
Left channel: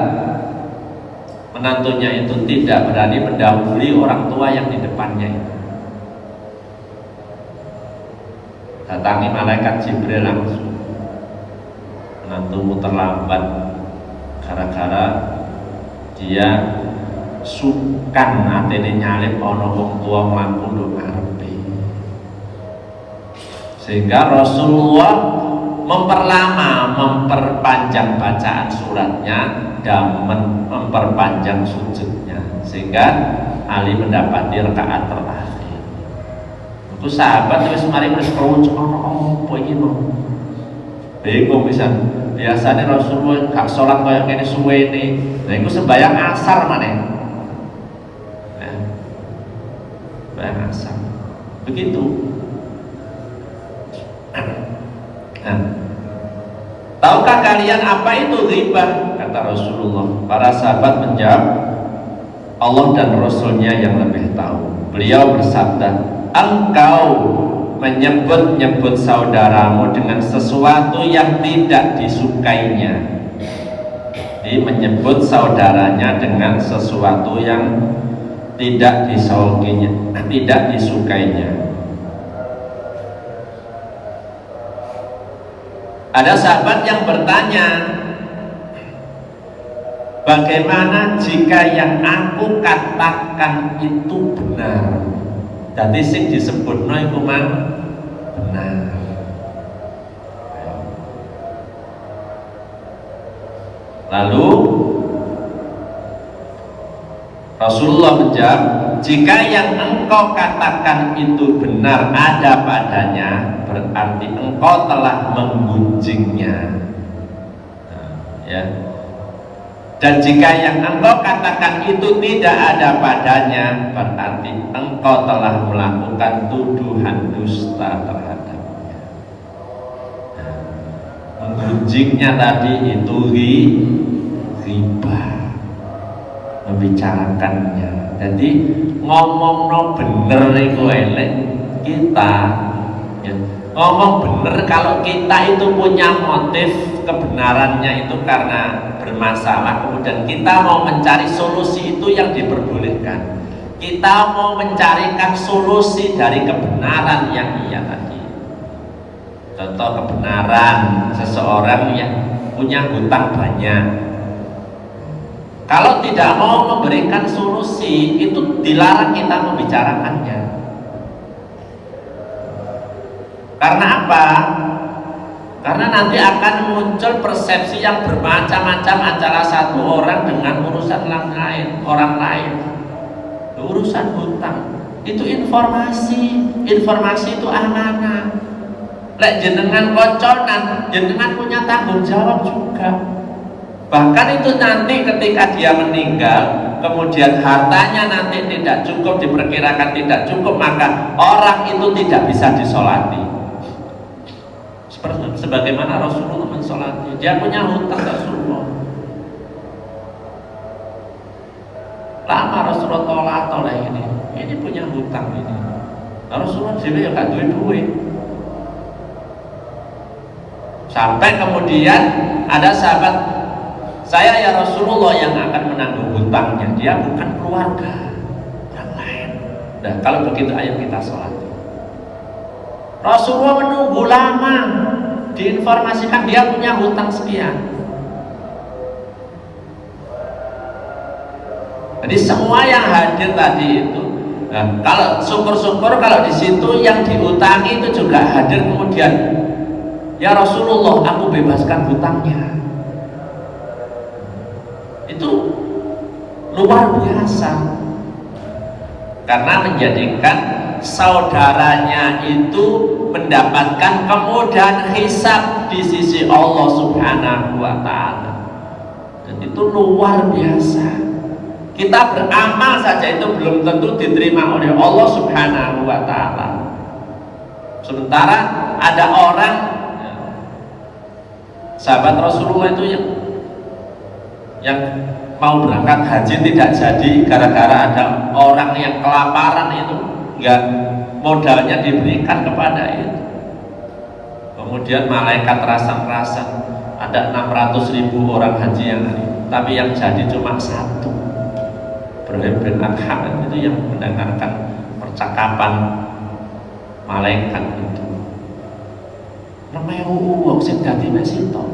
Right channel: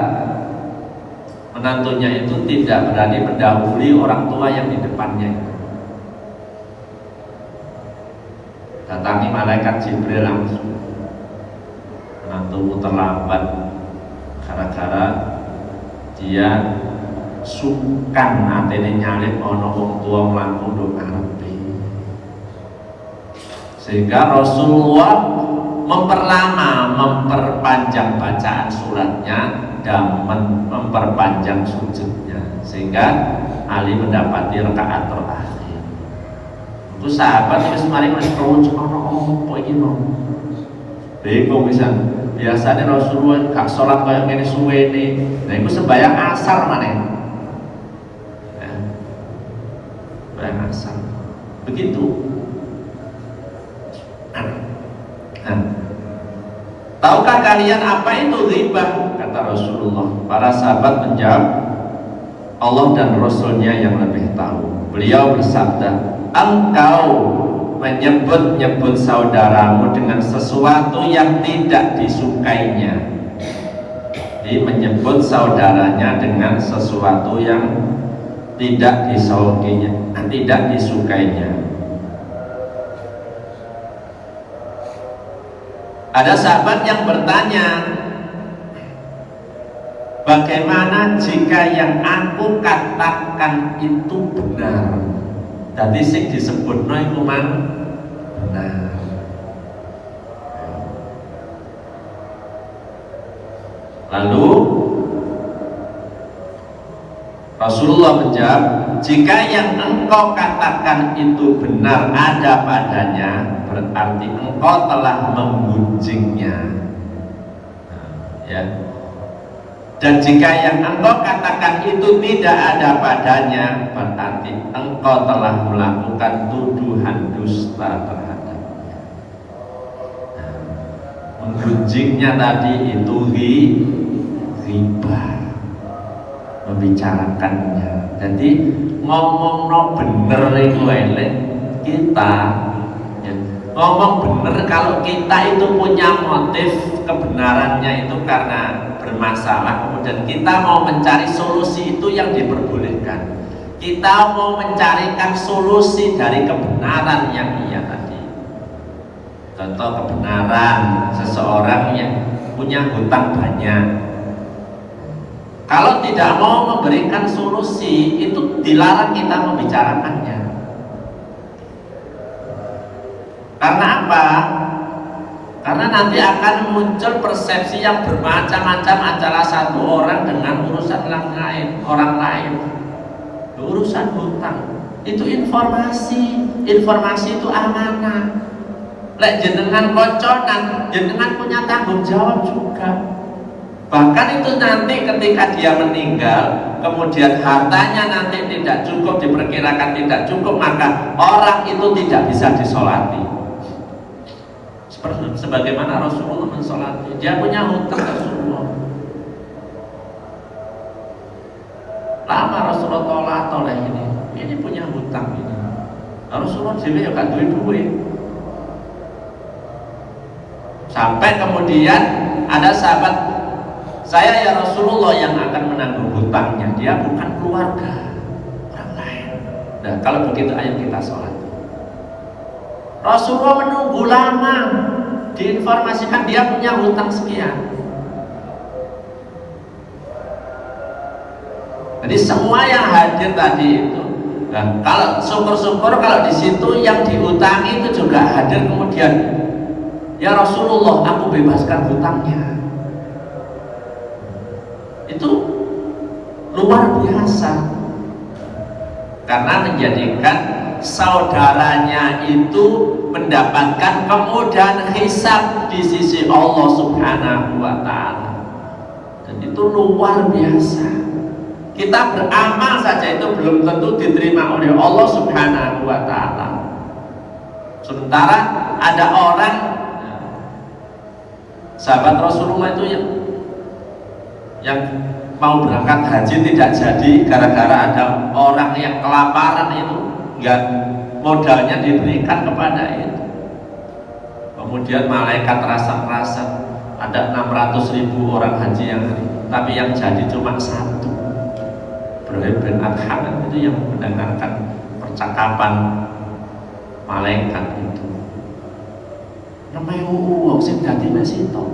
menantunya itu tidak berani mendahului orang tua yang di depannya itu. Datangi malaikat Jibril langsung, menantumu terlambat gara-gara dia sukan atene nyalip ana wong tua mlaku nduk ngarepe. Sehingga Rasulullah memperpanjang bacaan suratnya dan memperpanjang sujudnya, sehingga Ali mendapati rakaat terakhir. Itu sahabat wis mari wis krungu apa iki lho. Bingung pisan. Biasanya Rasulullah gak sholat kaya ngene suwene. Lah iku sembahyang asar maneh. Ya. Sembahyang asar. Begitu. Nah. Tahukah kalian apa itu ghibah? Kata Rasulullah? Para sahabat menjawab, Allah dan Rasulnya yang lebih tahu. Beliau bersabda, engkau menyebut-nyebut saudaramu dengan sesuatu yang tidak disukainya. Jadi menyebut saudaranya dengan sesuatu yang tidak disukainya. Ada sahabat yang bertanya, bagaimana jika yang aku katakan itu benar? Jadi sing disebutno iku benar. Lalu Rasulullah menjawab, jika yang engkau katakan itu benar ada padanya, berarti engkau telah menggunjingnya. Ya. Dan jika yang engkau katakan itu tidak ada padanya, berarti engkau telah melakukan tuduhan dusta terhadapnya. Menggunjingnya tadi itu riba, membicarakannya. Jadi ngomong bener itu elek kita, ya. Ngomong bener kalau kita itu punya motif kebenarannya itu karena bermasalah, kemudian kita mau mencari solusi itu yang diperbolehkan. Kita mau mencarikan solusi dari kebenaran yang iya tadi. Contoh kebenaran seseorang yang punya hutang banyak. Kalau tidak mau memberikan solusi, itu dilarang kita membicarakannya. Karena apa? Karena nanti akan muncul persepsi yang bermacam-macam antara satu orang dengan urusan orang lain. Urusan hutang itu informasi itu amanah. Lek jenengan konconan, jenengan punya tanggung jawab juga. Bahkan itu nanti ketika dia meninggal, kemudian hartanya nanti tidak cukup, diperkirakan tidak cukup, maka orang itu tidak bisa disolati. Sebagaimana Rasulullah mensolati, dia punya hutang Rasulullah. Lama Rasulullah toleh ini punya hutang ini. Rasulullah sendiri gak duit. Sampai kemudian ada sahabat, saya ya Rasulullah yang akan menanggung hutangnya, dia bukan keluarga orang lain. Nah kalau begitu ayo kita sholat. Rasulullah menunggu lama, diinformasikan dia punya hutang sekian. Jadi semua yang hadir tadi itu, nah, kalau syukur-syukur kalau di situ yang diutangi itu juga hadir, kemudian ya Rasulullah aku bebaskan hutangnya. Itu luar biasa karena menjadikan saudaranya itu mendapatkan kemudahan hisab di sisi Allah Subhanahu wa Ta'ala. Dan itu luar biasa. Kita beramal saja itu belum tentu diterima oleh Allah Subhanahu wa Ta'ala. Sementara ada orang, sahabat Rasulullah itu yang mau berangkat haji tidak jadi gara-gara ada orang yang kelaparan itu, enggak, modalnya diberikan kepada itu. Kemudian malaikat rasa-rasa ada 600.000 orang haji yang tapi yang jadi cuma satu. Ibrahim bin Adham itu yang mendengarkan percakapan malaikat itu. Namanya uang sing dadi mesito.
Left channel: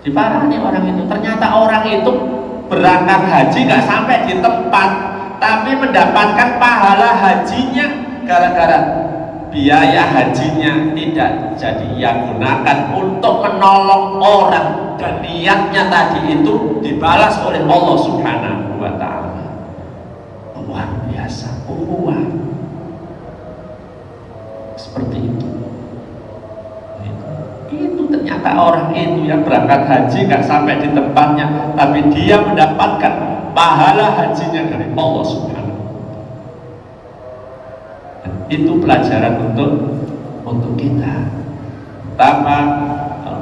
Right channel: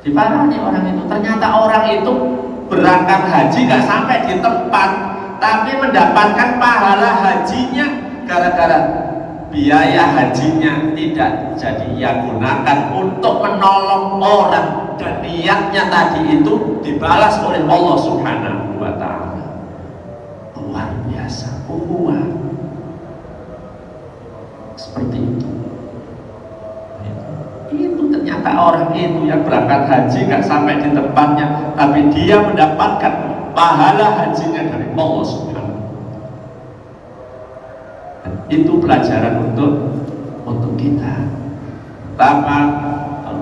Diparani orang itu, ternyata orang itu berangkat haji nggak sampai di tempat, tapi mendapatkan pahala hajinya gara-gara biaya hajinya tidak jadi ia gunakan untuk menolong orang, dan niatnya tadi itu dibalas oleh Allah Subhanahu wa Ta'ala. Luar biasa kuat seperti itu. Itu ternyata orang itu yang berangkat haji nggak sampai di tempatnya, tapi dia mendapatkan pahala hajinya dari Allah Subhanahu. Itu pelajaran untuk kita. Pertama,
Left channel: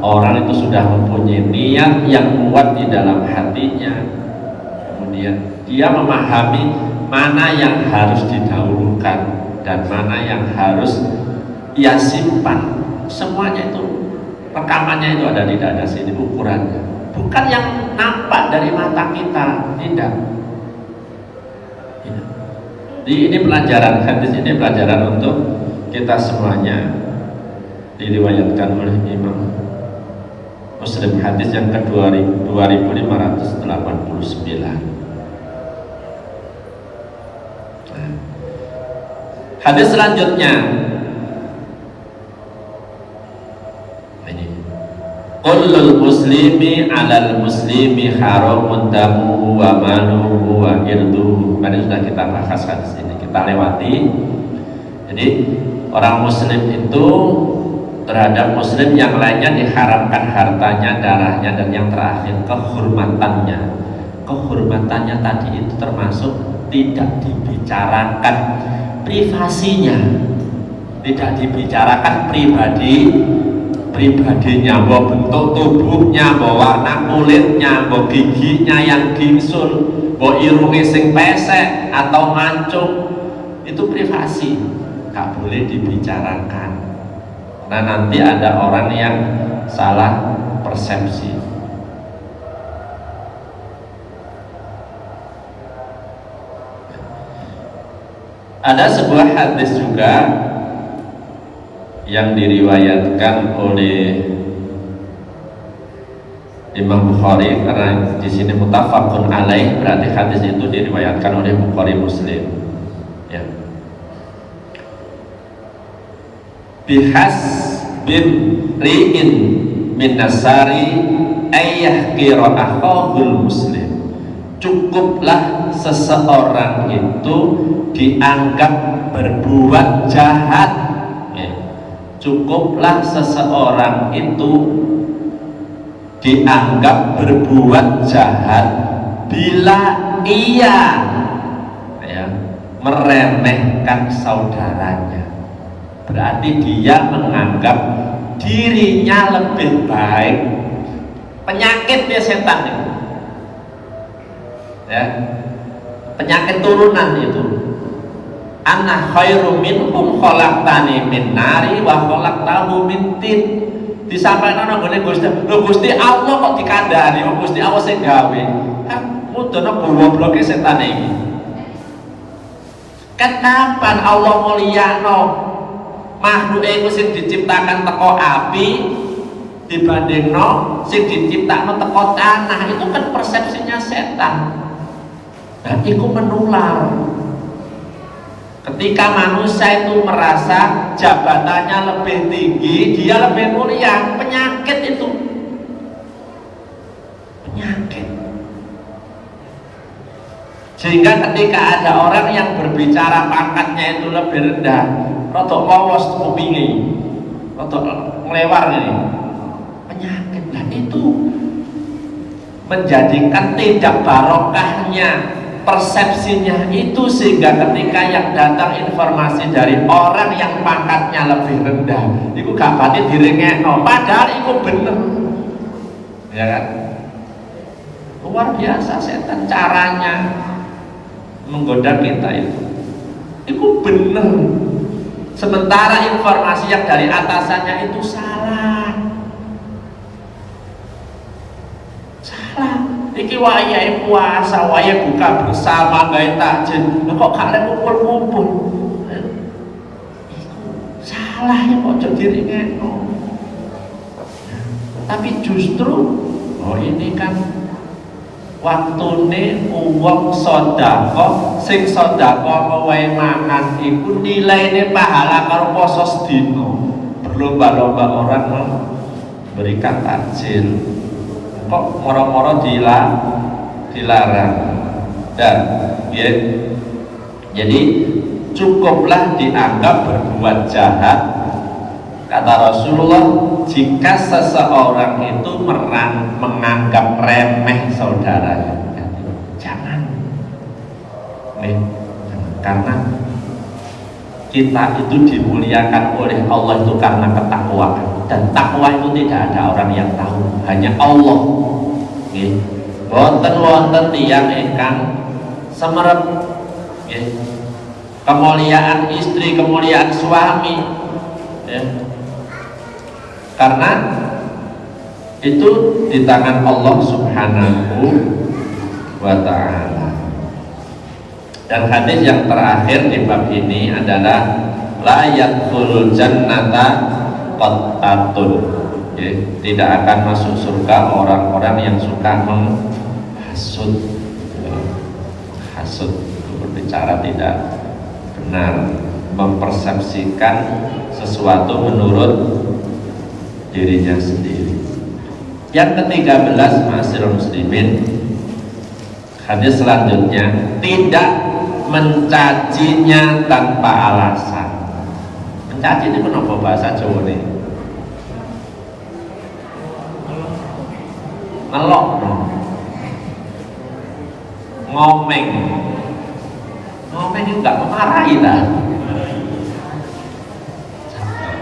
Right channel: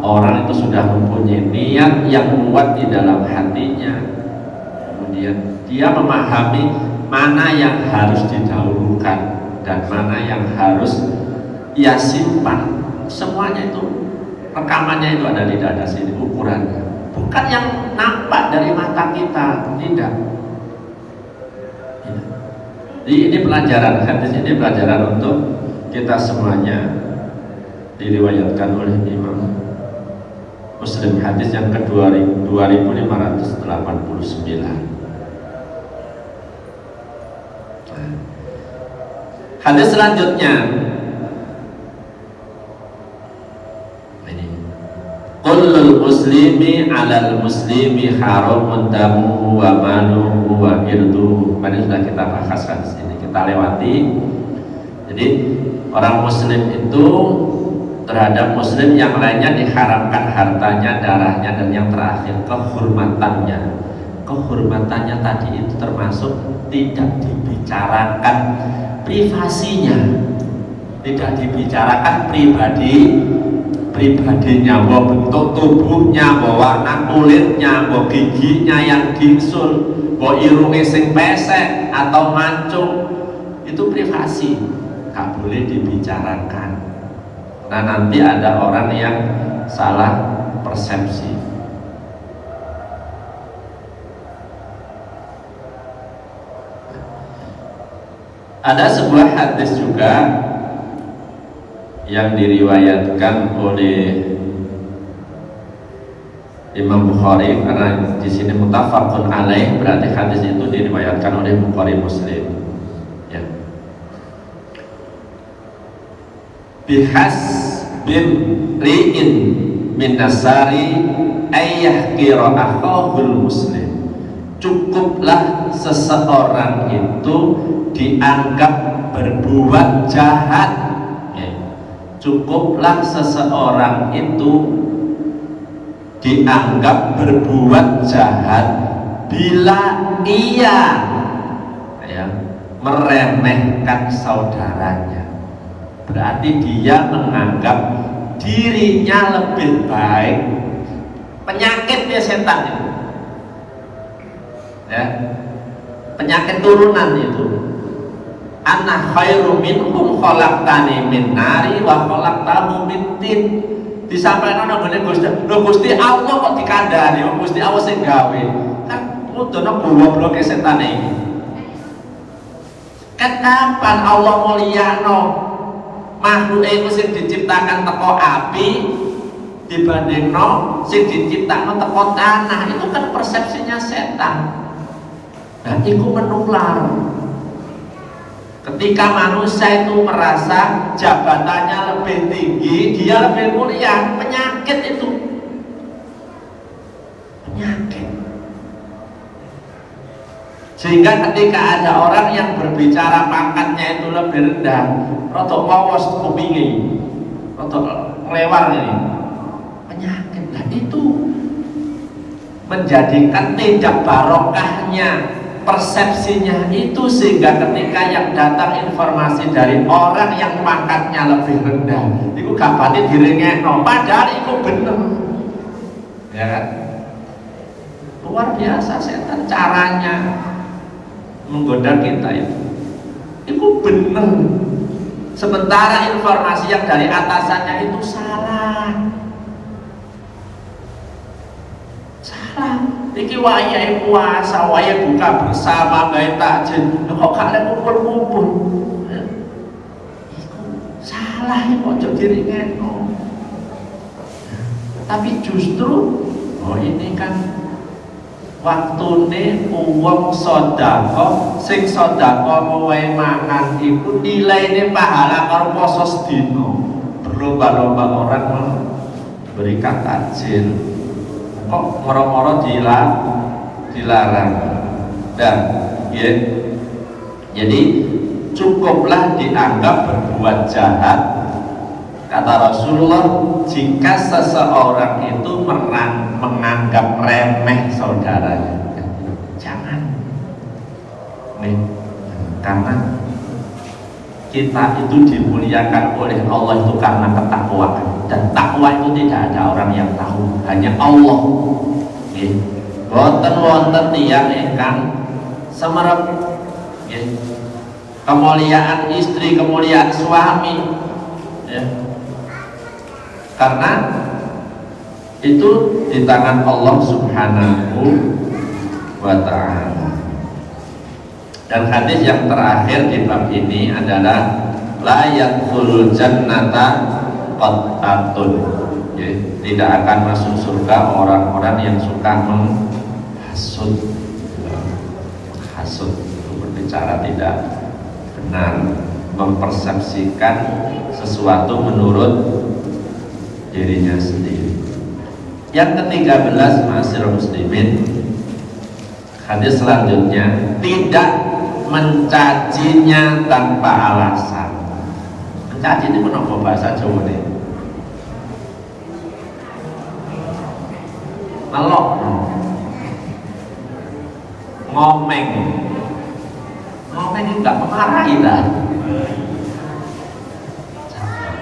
orang itu sudah mempunyai niat yang kuat di dalam hatinya, kemudian dia memahami mana yang harus didahulukan dan mana yang harus ia simpan. Semuanya itu rekamannya itu ada di dada sini, ukurannya bukan yang nampak dari mata kita, tidak. Ini pelajaran, hadis ini pelajaran untuk kita semuanya. Diriwayatkan oleh Imam Muslim, hadis yang kedua 2589. Hadis selanjutnya ini, kullul muslimi alal muslimi haramun damuhu wa maluhu wa irduhu. Ini sudah kita bahas hadis ini, kita lewati. Jadi orang muslim itu terhadap muslim yang lainnya diharamkan hartanya, darahnya, dan yang terakhir kehormatannya. Kehormatannya tadi itu termasuk tidak dibicarakan privasinya, tidak dibicarakan pribadinya, mau bentuk tubuhnya, mau warna kulitnya, mau giginya yang gingsul, mau irunge sing pesek atau mancung, itu privasi, tak boleh dibicarakan. Nah, nanti ada orang yang salah persepsi. Ada sebuah hadis juga yang diriwayatkan oleh Imam Bukhari, karena di sini muttafaqun alaih, berarti hadis itu diriwayatkan oleh Bukhari Muslim. Ya. Bihas bin ri'in min nasari ayyahkira akhahul muslim. Cukuplah seseorang itu dianggap berbuat jahat, ya. Cukuplah seseorang itu dianggap berbuat jahat bila ia, ya, meremehkan saudaranya. Berarti dia menganggap dirinya lebih baik. Penyakitnya setan itu, ya, penyakit turunan itu. Ana khairu minhum khalaqtani min nari wa khalaqtahu min tin. Disampaikan nang ngene Gusti. Lho Gusti Allah kok dikandani, Gusti Allah sing gawe. Kan udono goblok-gobloke setan iki. Kapan Allah mulyano makhluk iku sing diciptakan teko api dibandingno sing diciptakan teko tanah? Itu kan persepsinya setan. Dan itu menular. Ketika manusia itu merasa jabatannya lebih tinggi, dia lebih mulia, penyakit itu. Penyakit. Sehingga ketika ada orang yang berbicara pangkatnya itu lebih rendah, rotok pawos kupingi, rotok melewar ini, penyakit. Dan itu menjadikan tidak barokahnya persepsinya itu, sehingga ketika yang datang informasi dari orang yang pangkatnya lebih rendah, itu gak pati direngekno, padahal itu bener, ya kan? Luar biasa setan caranya menggoda kita itu bener. Sementara informasi yang dari atasannya itu salah. Iki waya puasa, waya buka bersama, gawe takjil. Kok gak ada kumpul-kumpul? Salah ya, kok jadi ngeno. Tapi justru, oh ini kan waktune uang sodako, sing sodako luwe makan itu nilainya pahala karo poso sedino. Berlomba-lomba orang memberikan takjil. Kok moro-moro dilarang. Dan ya, jadi cukuplah dianggap berbuat jahat. Kata Rasulullah, jika seseorang itu menganggap remeh saudaranya, jangan. Karena kita itu dimuliakan oleh Allah itu karena ketakwaan, dan takwa semua itu tidak ada orang yang tahu, hanya Allah. Nggih. Wonten tiyang ingkang semerep nggih. Kemuliaan istri, kemuliaan suami. Ya. Karena itu di tangan Allah Subhanahu wa ta'ala. Dan hadis yang terakhir di bab ini adalah la yadkhulul jannata qattatun, ya, tidak akan masuk surga orang-orang yang suka menghasut. Hasut itu berbicara tidak benar, mempersepsikan sesuatu menurut dirinya sendiri. Yang ke-13, ma'asyiral muslimin, hadis selanjutnya, tidak mencacinya tanpa alasan. Mencaci itu kenapa bahasa Jawa nih? Ngelok, ngomeng itu gak memarahi kan?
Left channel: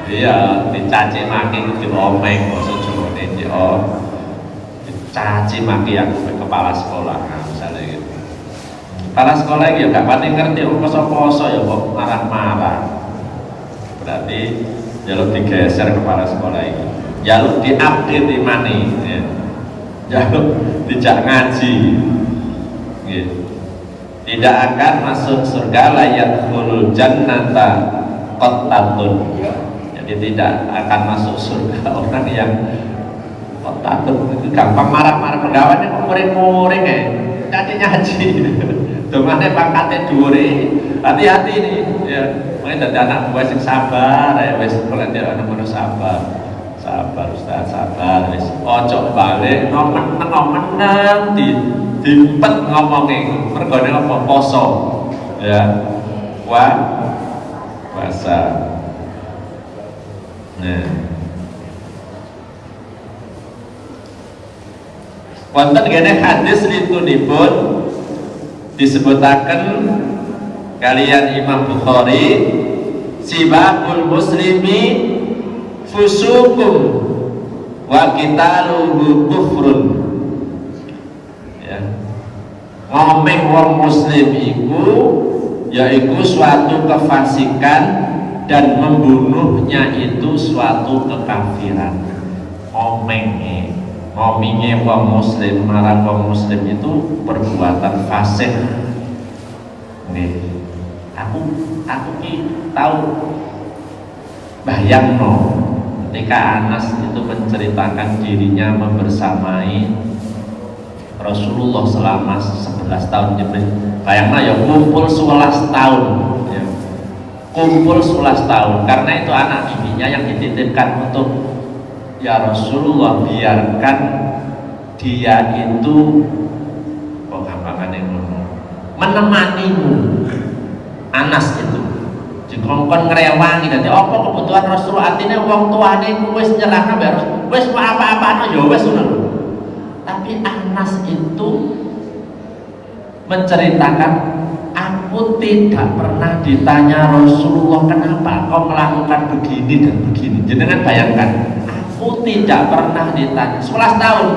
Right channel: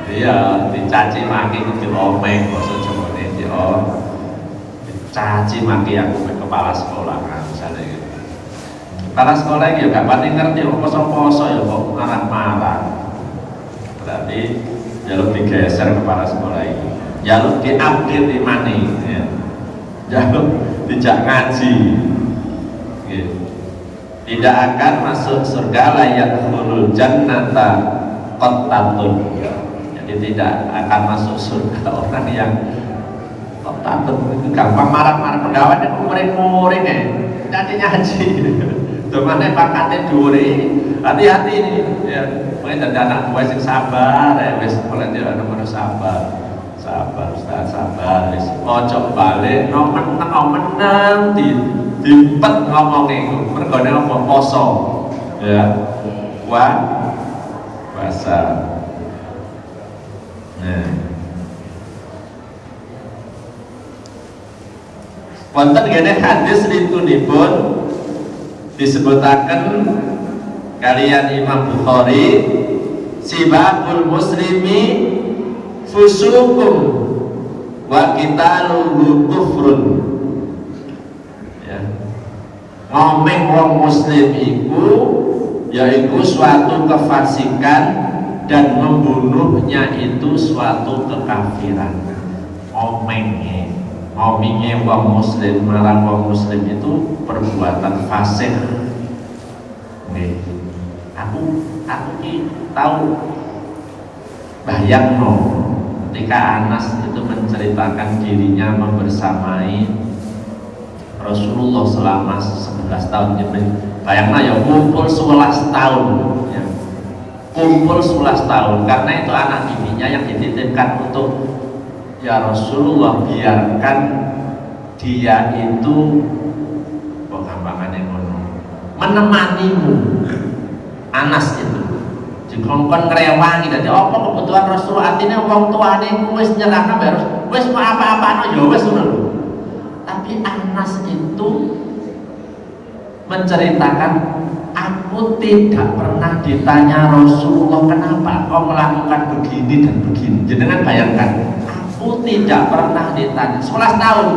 Iya, dicaci maki itu diomeng, bahasa Jawa nih, dicaci maki yang kepala sekolah, nah, misalnya gitu. Kepala sekolah itu gak pasti ngerti, kosong-kosong ya kok marah-marah. Berarti jalur digeser kepala sekolah itu, jalur diupdate di mana, ya. Jalur tidak ngaji, gitu. Tidak akan masuk surga la yadkhulul jannata qattatun. Jadi tidak akan masuk surga orang yang qattatun, itu gampang marah-marah. Pegawai itu murid-murid ya, nanti ngaji. Domane pangkate dhuwure. Hati-hati ini ya. Makanya dadi anak buah sing sabar ya, wis oleh anak buah sabar. Sabar Ustaz, sabar wis. Ojo balik ngomen-ngomen dimpet ngomongin mergone apa poso. Ya. Puasa. Nah. Wonten kene hadis litunipun disebutaken kalian Imam Bukhari, sibabul muslimi fusukum wa qitaluhu kufrun. Ya. Ngomeng wong muslim iku yaiku suatu kefasikan dan membunuhnya itu suatu kekafiran. Ngomongnya wong muslim, marang wong muslim itu perbuatan fasik. Nih, aku tahu bayangno ketika Anas itu menceritakan dirinya membersamai Rasulullah selama 11 tahun. Bayangno ya kumpul 11 tahun ya. Kumpul 11 tahun karena itu anak bibinya yang dititipkan untuk ya Rasulullah biarkan dia itu menemanimu. Anas itu dikongkon ngrewangi dadi apa kebutuhan Rasul, artinya wong tuane wis nyerahna harus wis apa-apa ya wis ngono. Tapi Anas itu menceritakan, aku tidak pernah ditanya Rasulullah kenapa kau melakukan begini dan begini. Jenengan bayangkan, aku tidak pernah ditanya 11 tahun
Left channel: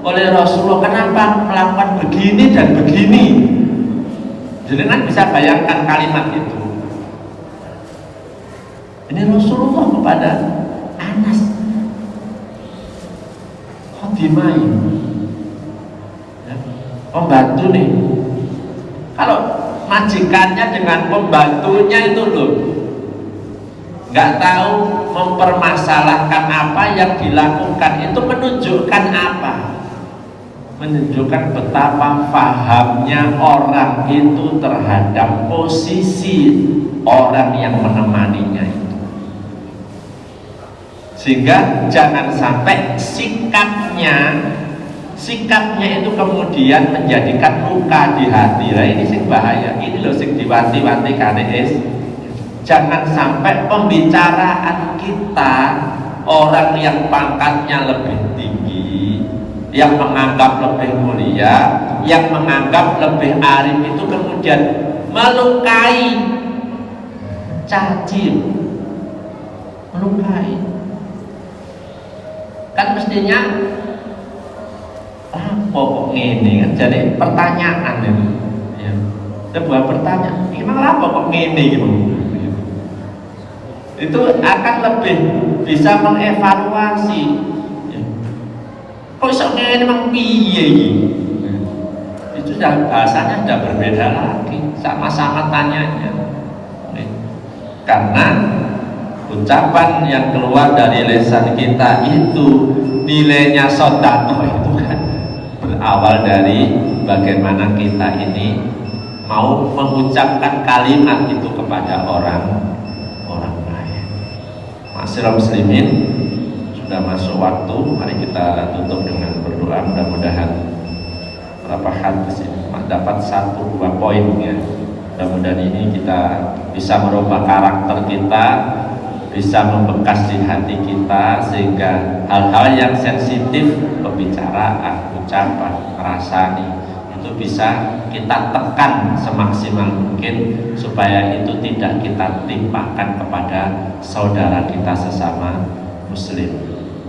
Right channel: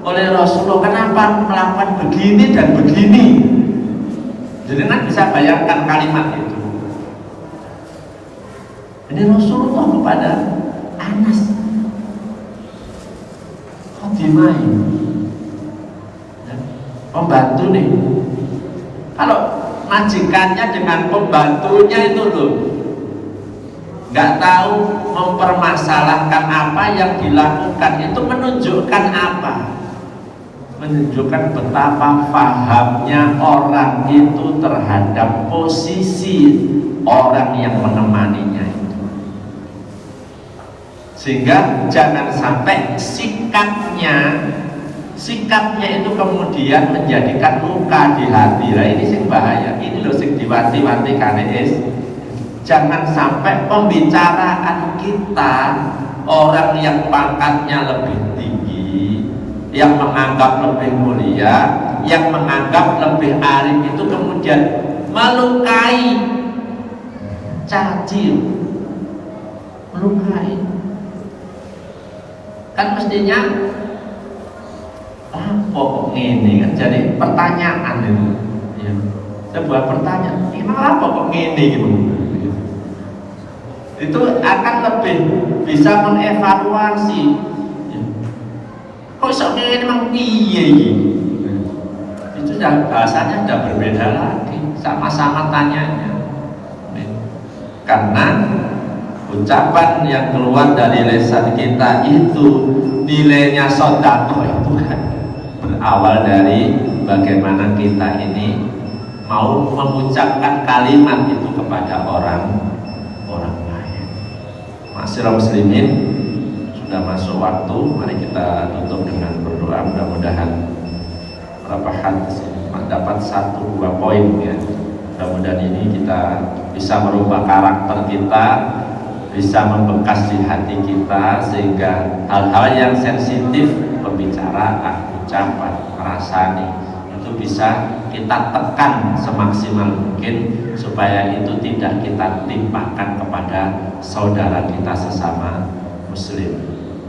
oleh Rasulullah kenapa melakukan begini dan begini. Jenengan bisa bayangkan kalimat itu. Ini Rasulullah kepada Anas Khotimai, ya, pembantu nih. Kalau majikannya dengan pembantunya itu loh, nggak tahu mempermasalahkan apa yang dilakukan, itu menunjukkan apa? Menunjukkan betapa fahamnya orang itu terhadap posisi orang yang menemaninya itu. Sehingga jangan sampai sikapnya itu kemudian menjadikan luka di hati. Nah, ini sing bahaya. Ini loh sing diwanti-wanti KDS. Jangan sampai pembicaraan kita orang yang pangkatnya lebih tinggi, yang menganggap lebih mulia, yang menganggap lebih arif itu kemudian melukai, caci, melukai. Kan mestinya kok ngene kan jadi pertanyaan itu. Ya. Sebuah pertanyaan, gimana apa kok ngene gitu. Itu akan lebih bisa mengevaluasi. Ya. Kok iso ngene memang piye iki? Itu bahasanya sudah berbeda lagi, sama-sama tanyanya. Ya. Karena ucapan yang keluar dari lisan kita itu nilainya sedekah itu kan berawal dari bagaimana kita ini mau mengucapkan kalimat itu kepada orang lain. Ma'asyiral muslimin, sudah masuk waktu, mari kita tutup dengan berdoa. Mudah-mudahan beberapa hadis ini dapat 1-2 poin ya. Mudah-mudahan ini kita bisa merubah karakter kita, bisa membekas di hati kita, sehingga hal-hal yang sensitif, pembicaraan, ucapan, rasani itu bisa kita tekan semaksimal mungkin supaya itu tidak kita timpakan kepada saudara kita sesama muslim.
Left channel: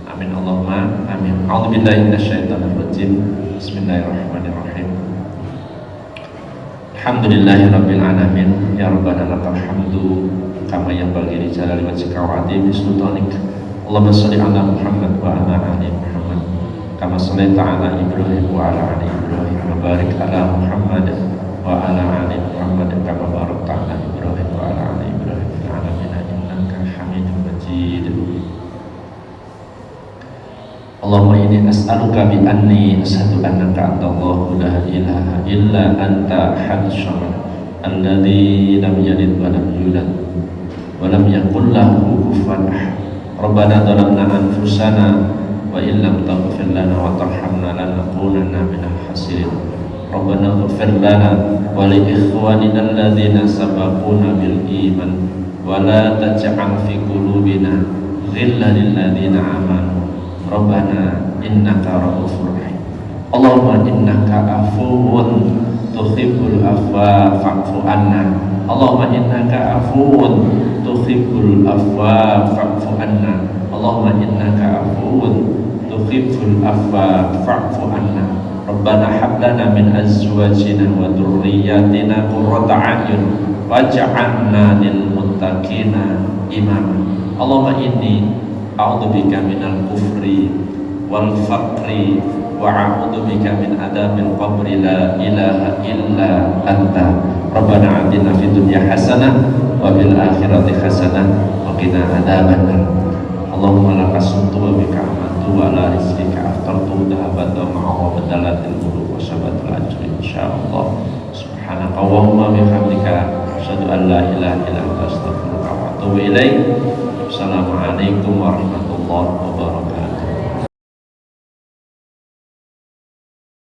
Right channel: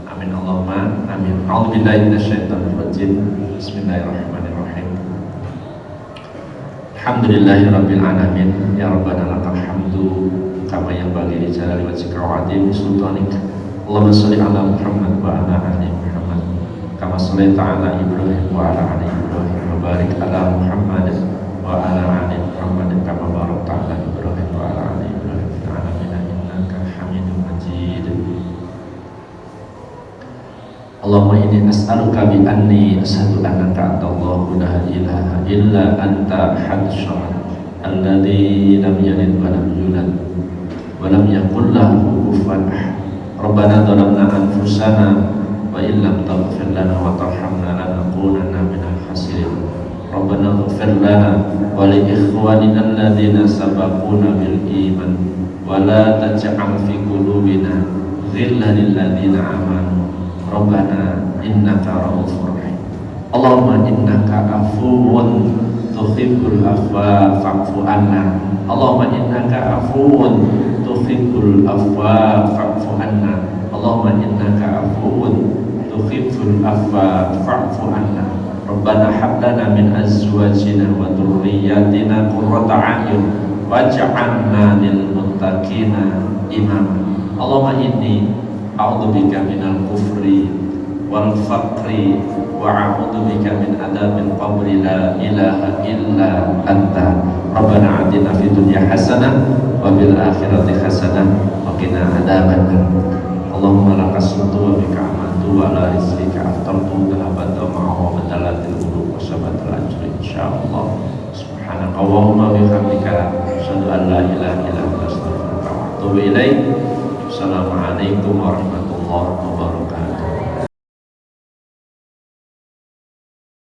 Amin Allahumma amin. A'udzubillahi minasyaitonirrajim. Bismillahirrahmanirrahim. Alhamdulillahirabbil alamin. Ya rabbana lakal hamdu kama yanbaghi li jalali wajhika wa 'azimi sultanik. Allahumma shalli ala Muhammad wa ala ali Muhammad kama shallaita ala Ibrahim wa ala ali Ibrahim wa barik ala Muhammad wa ala ali Muhammad kama barakta ala Ibrahim wa ala ali Ibrahim fil alamin innaka Hamidum Majid. Allahumma inni as'aluka bi anni asyhadu annaka antallahu la ilaha illa anta ahadus samad alladzi lam yalid wa lam yulad wa lam yakul lahu kufuwan ahad. Rabbana dhalamna anfusana wa in lam taghfir lana wa tarhamna lanakunanna minal khasirin. Rabbana ighfir lana wa li ikhwanina alladzina sabaquna bil iman wa la taj'al fi qulubina ghillan lil ladzina amanu. Rabbana innaka ra'ufur rahim. Allahumma innaka afuwun tuhibbul afwa fa'fu anna. Allahumma innaka afuwun tuhibbul afwa fa'fu anna. Allahumma innaka afuwun tuhibbul afwa fa'fu anna. Rabbana hab lana min azwajina wa dhurriyyatina qurrata a'yun waj'alna lil muttaqina imama. Allahumma inni a'udzubika minal kufri wal faqri wa a'udzubika min adzabil qabri la ilaha illa anta. Rabbana atina fid dunya hasanah wa fil akhirati hasanah wa qina adzabannar. Allahumma laka sumtu wa bika amantu wa ala rizqika aftartu dhahabat wa ma'a badalatil qulub wa sabatul ajri insyaallah. Subhanaka wa bihamdika asyhadu an la ilaha illa anta astaghfiruka wa atubu ilaik. Assalamualaikum warahmatullahi wabarakatuh.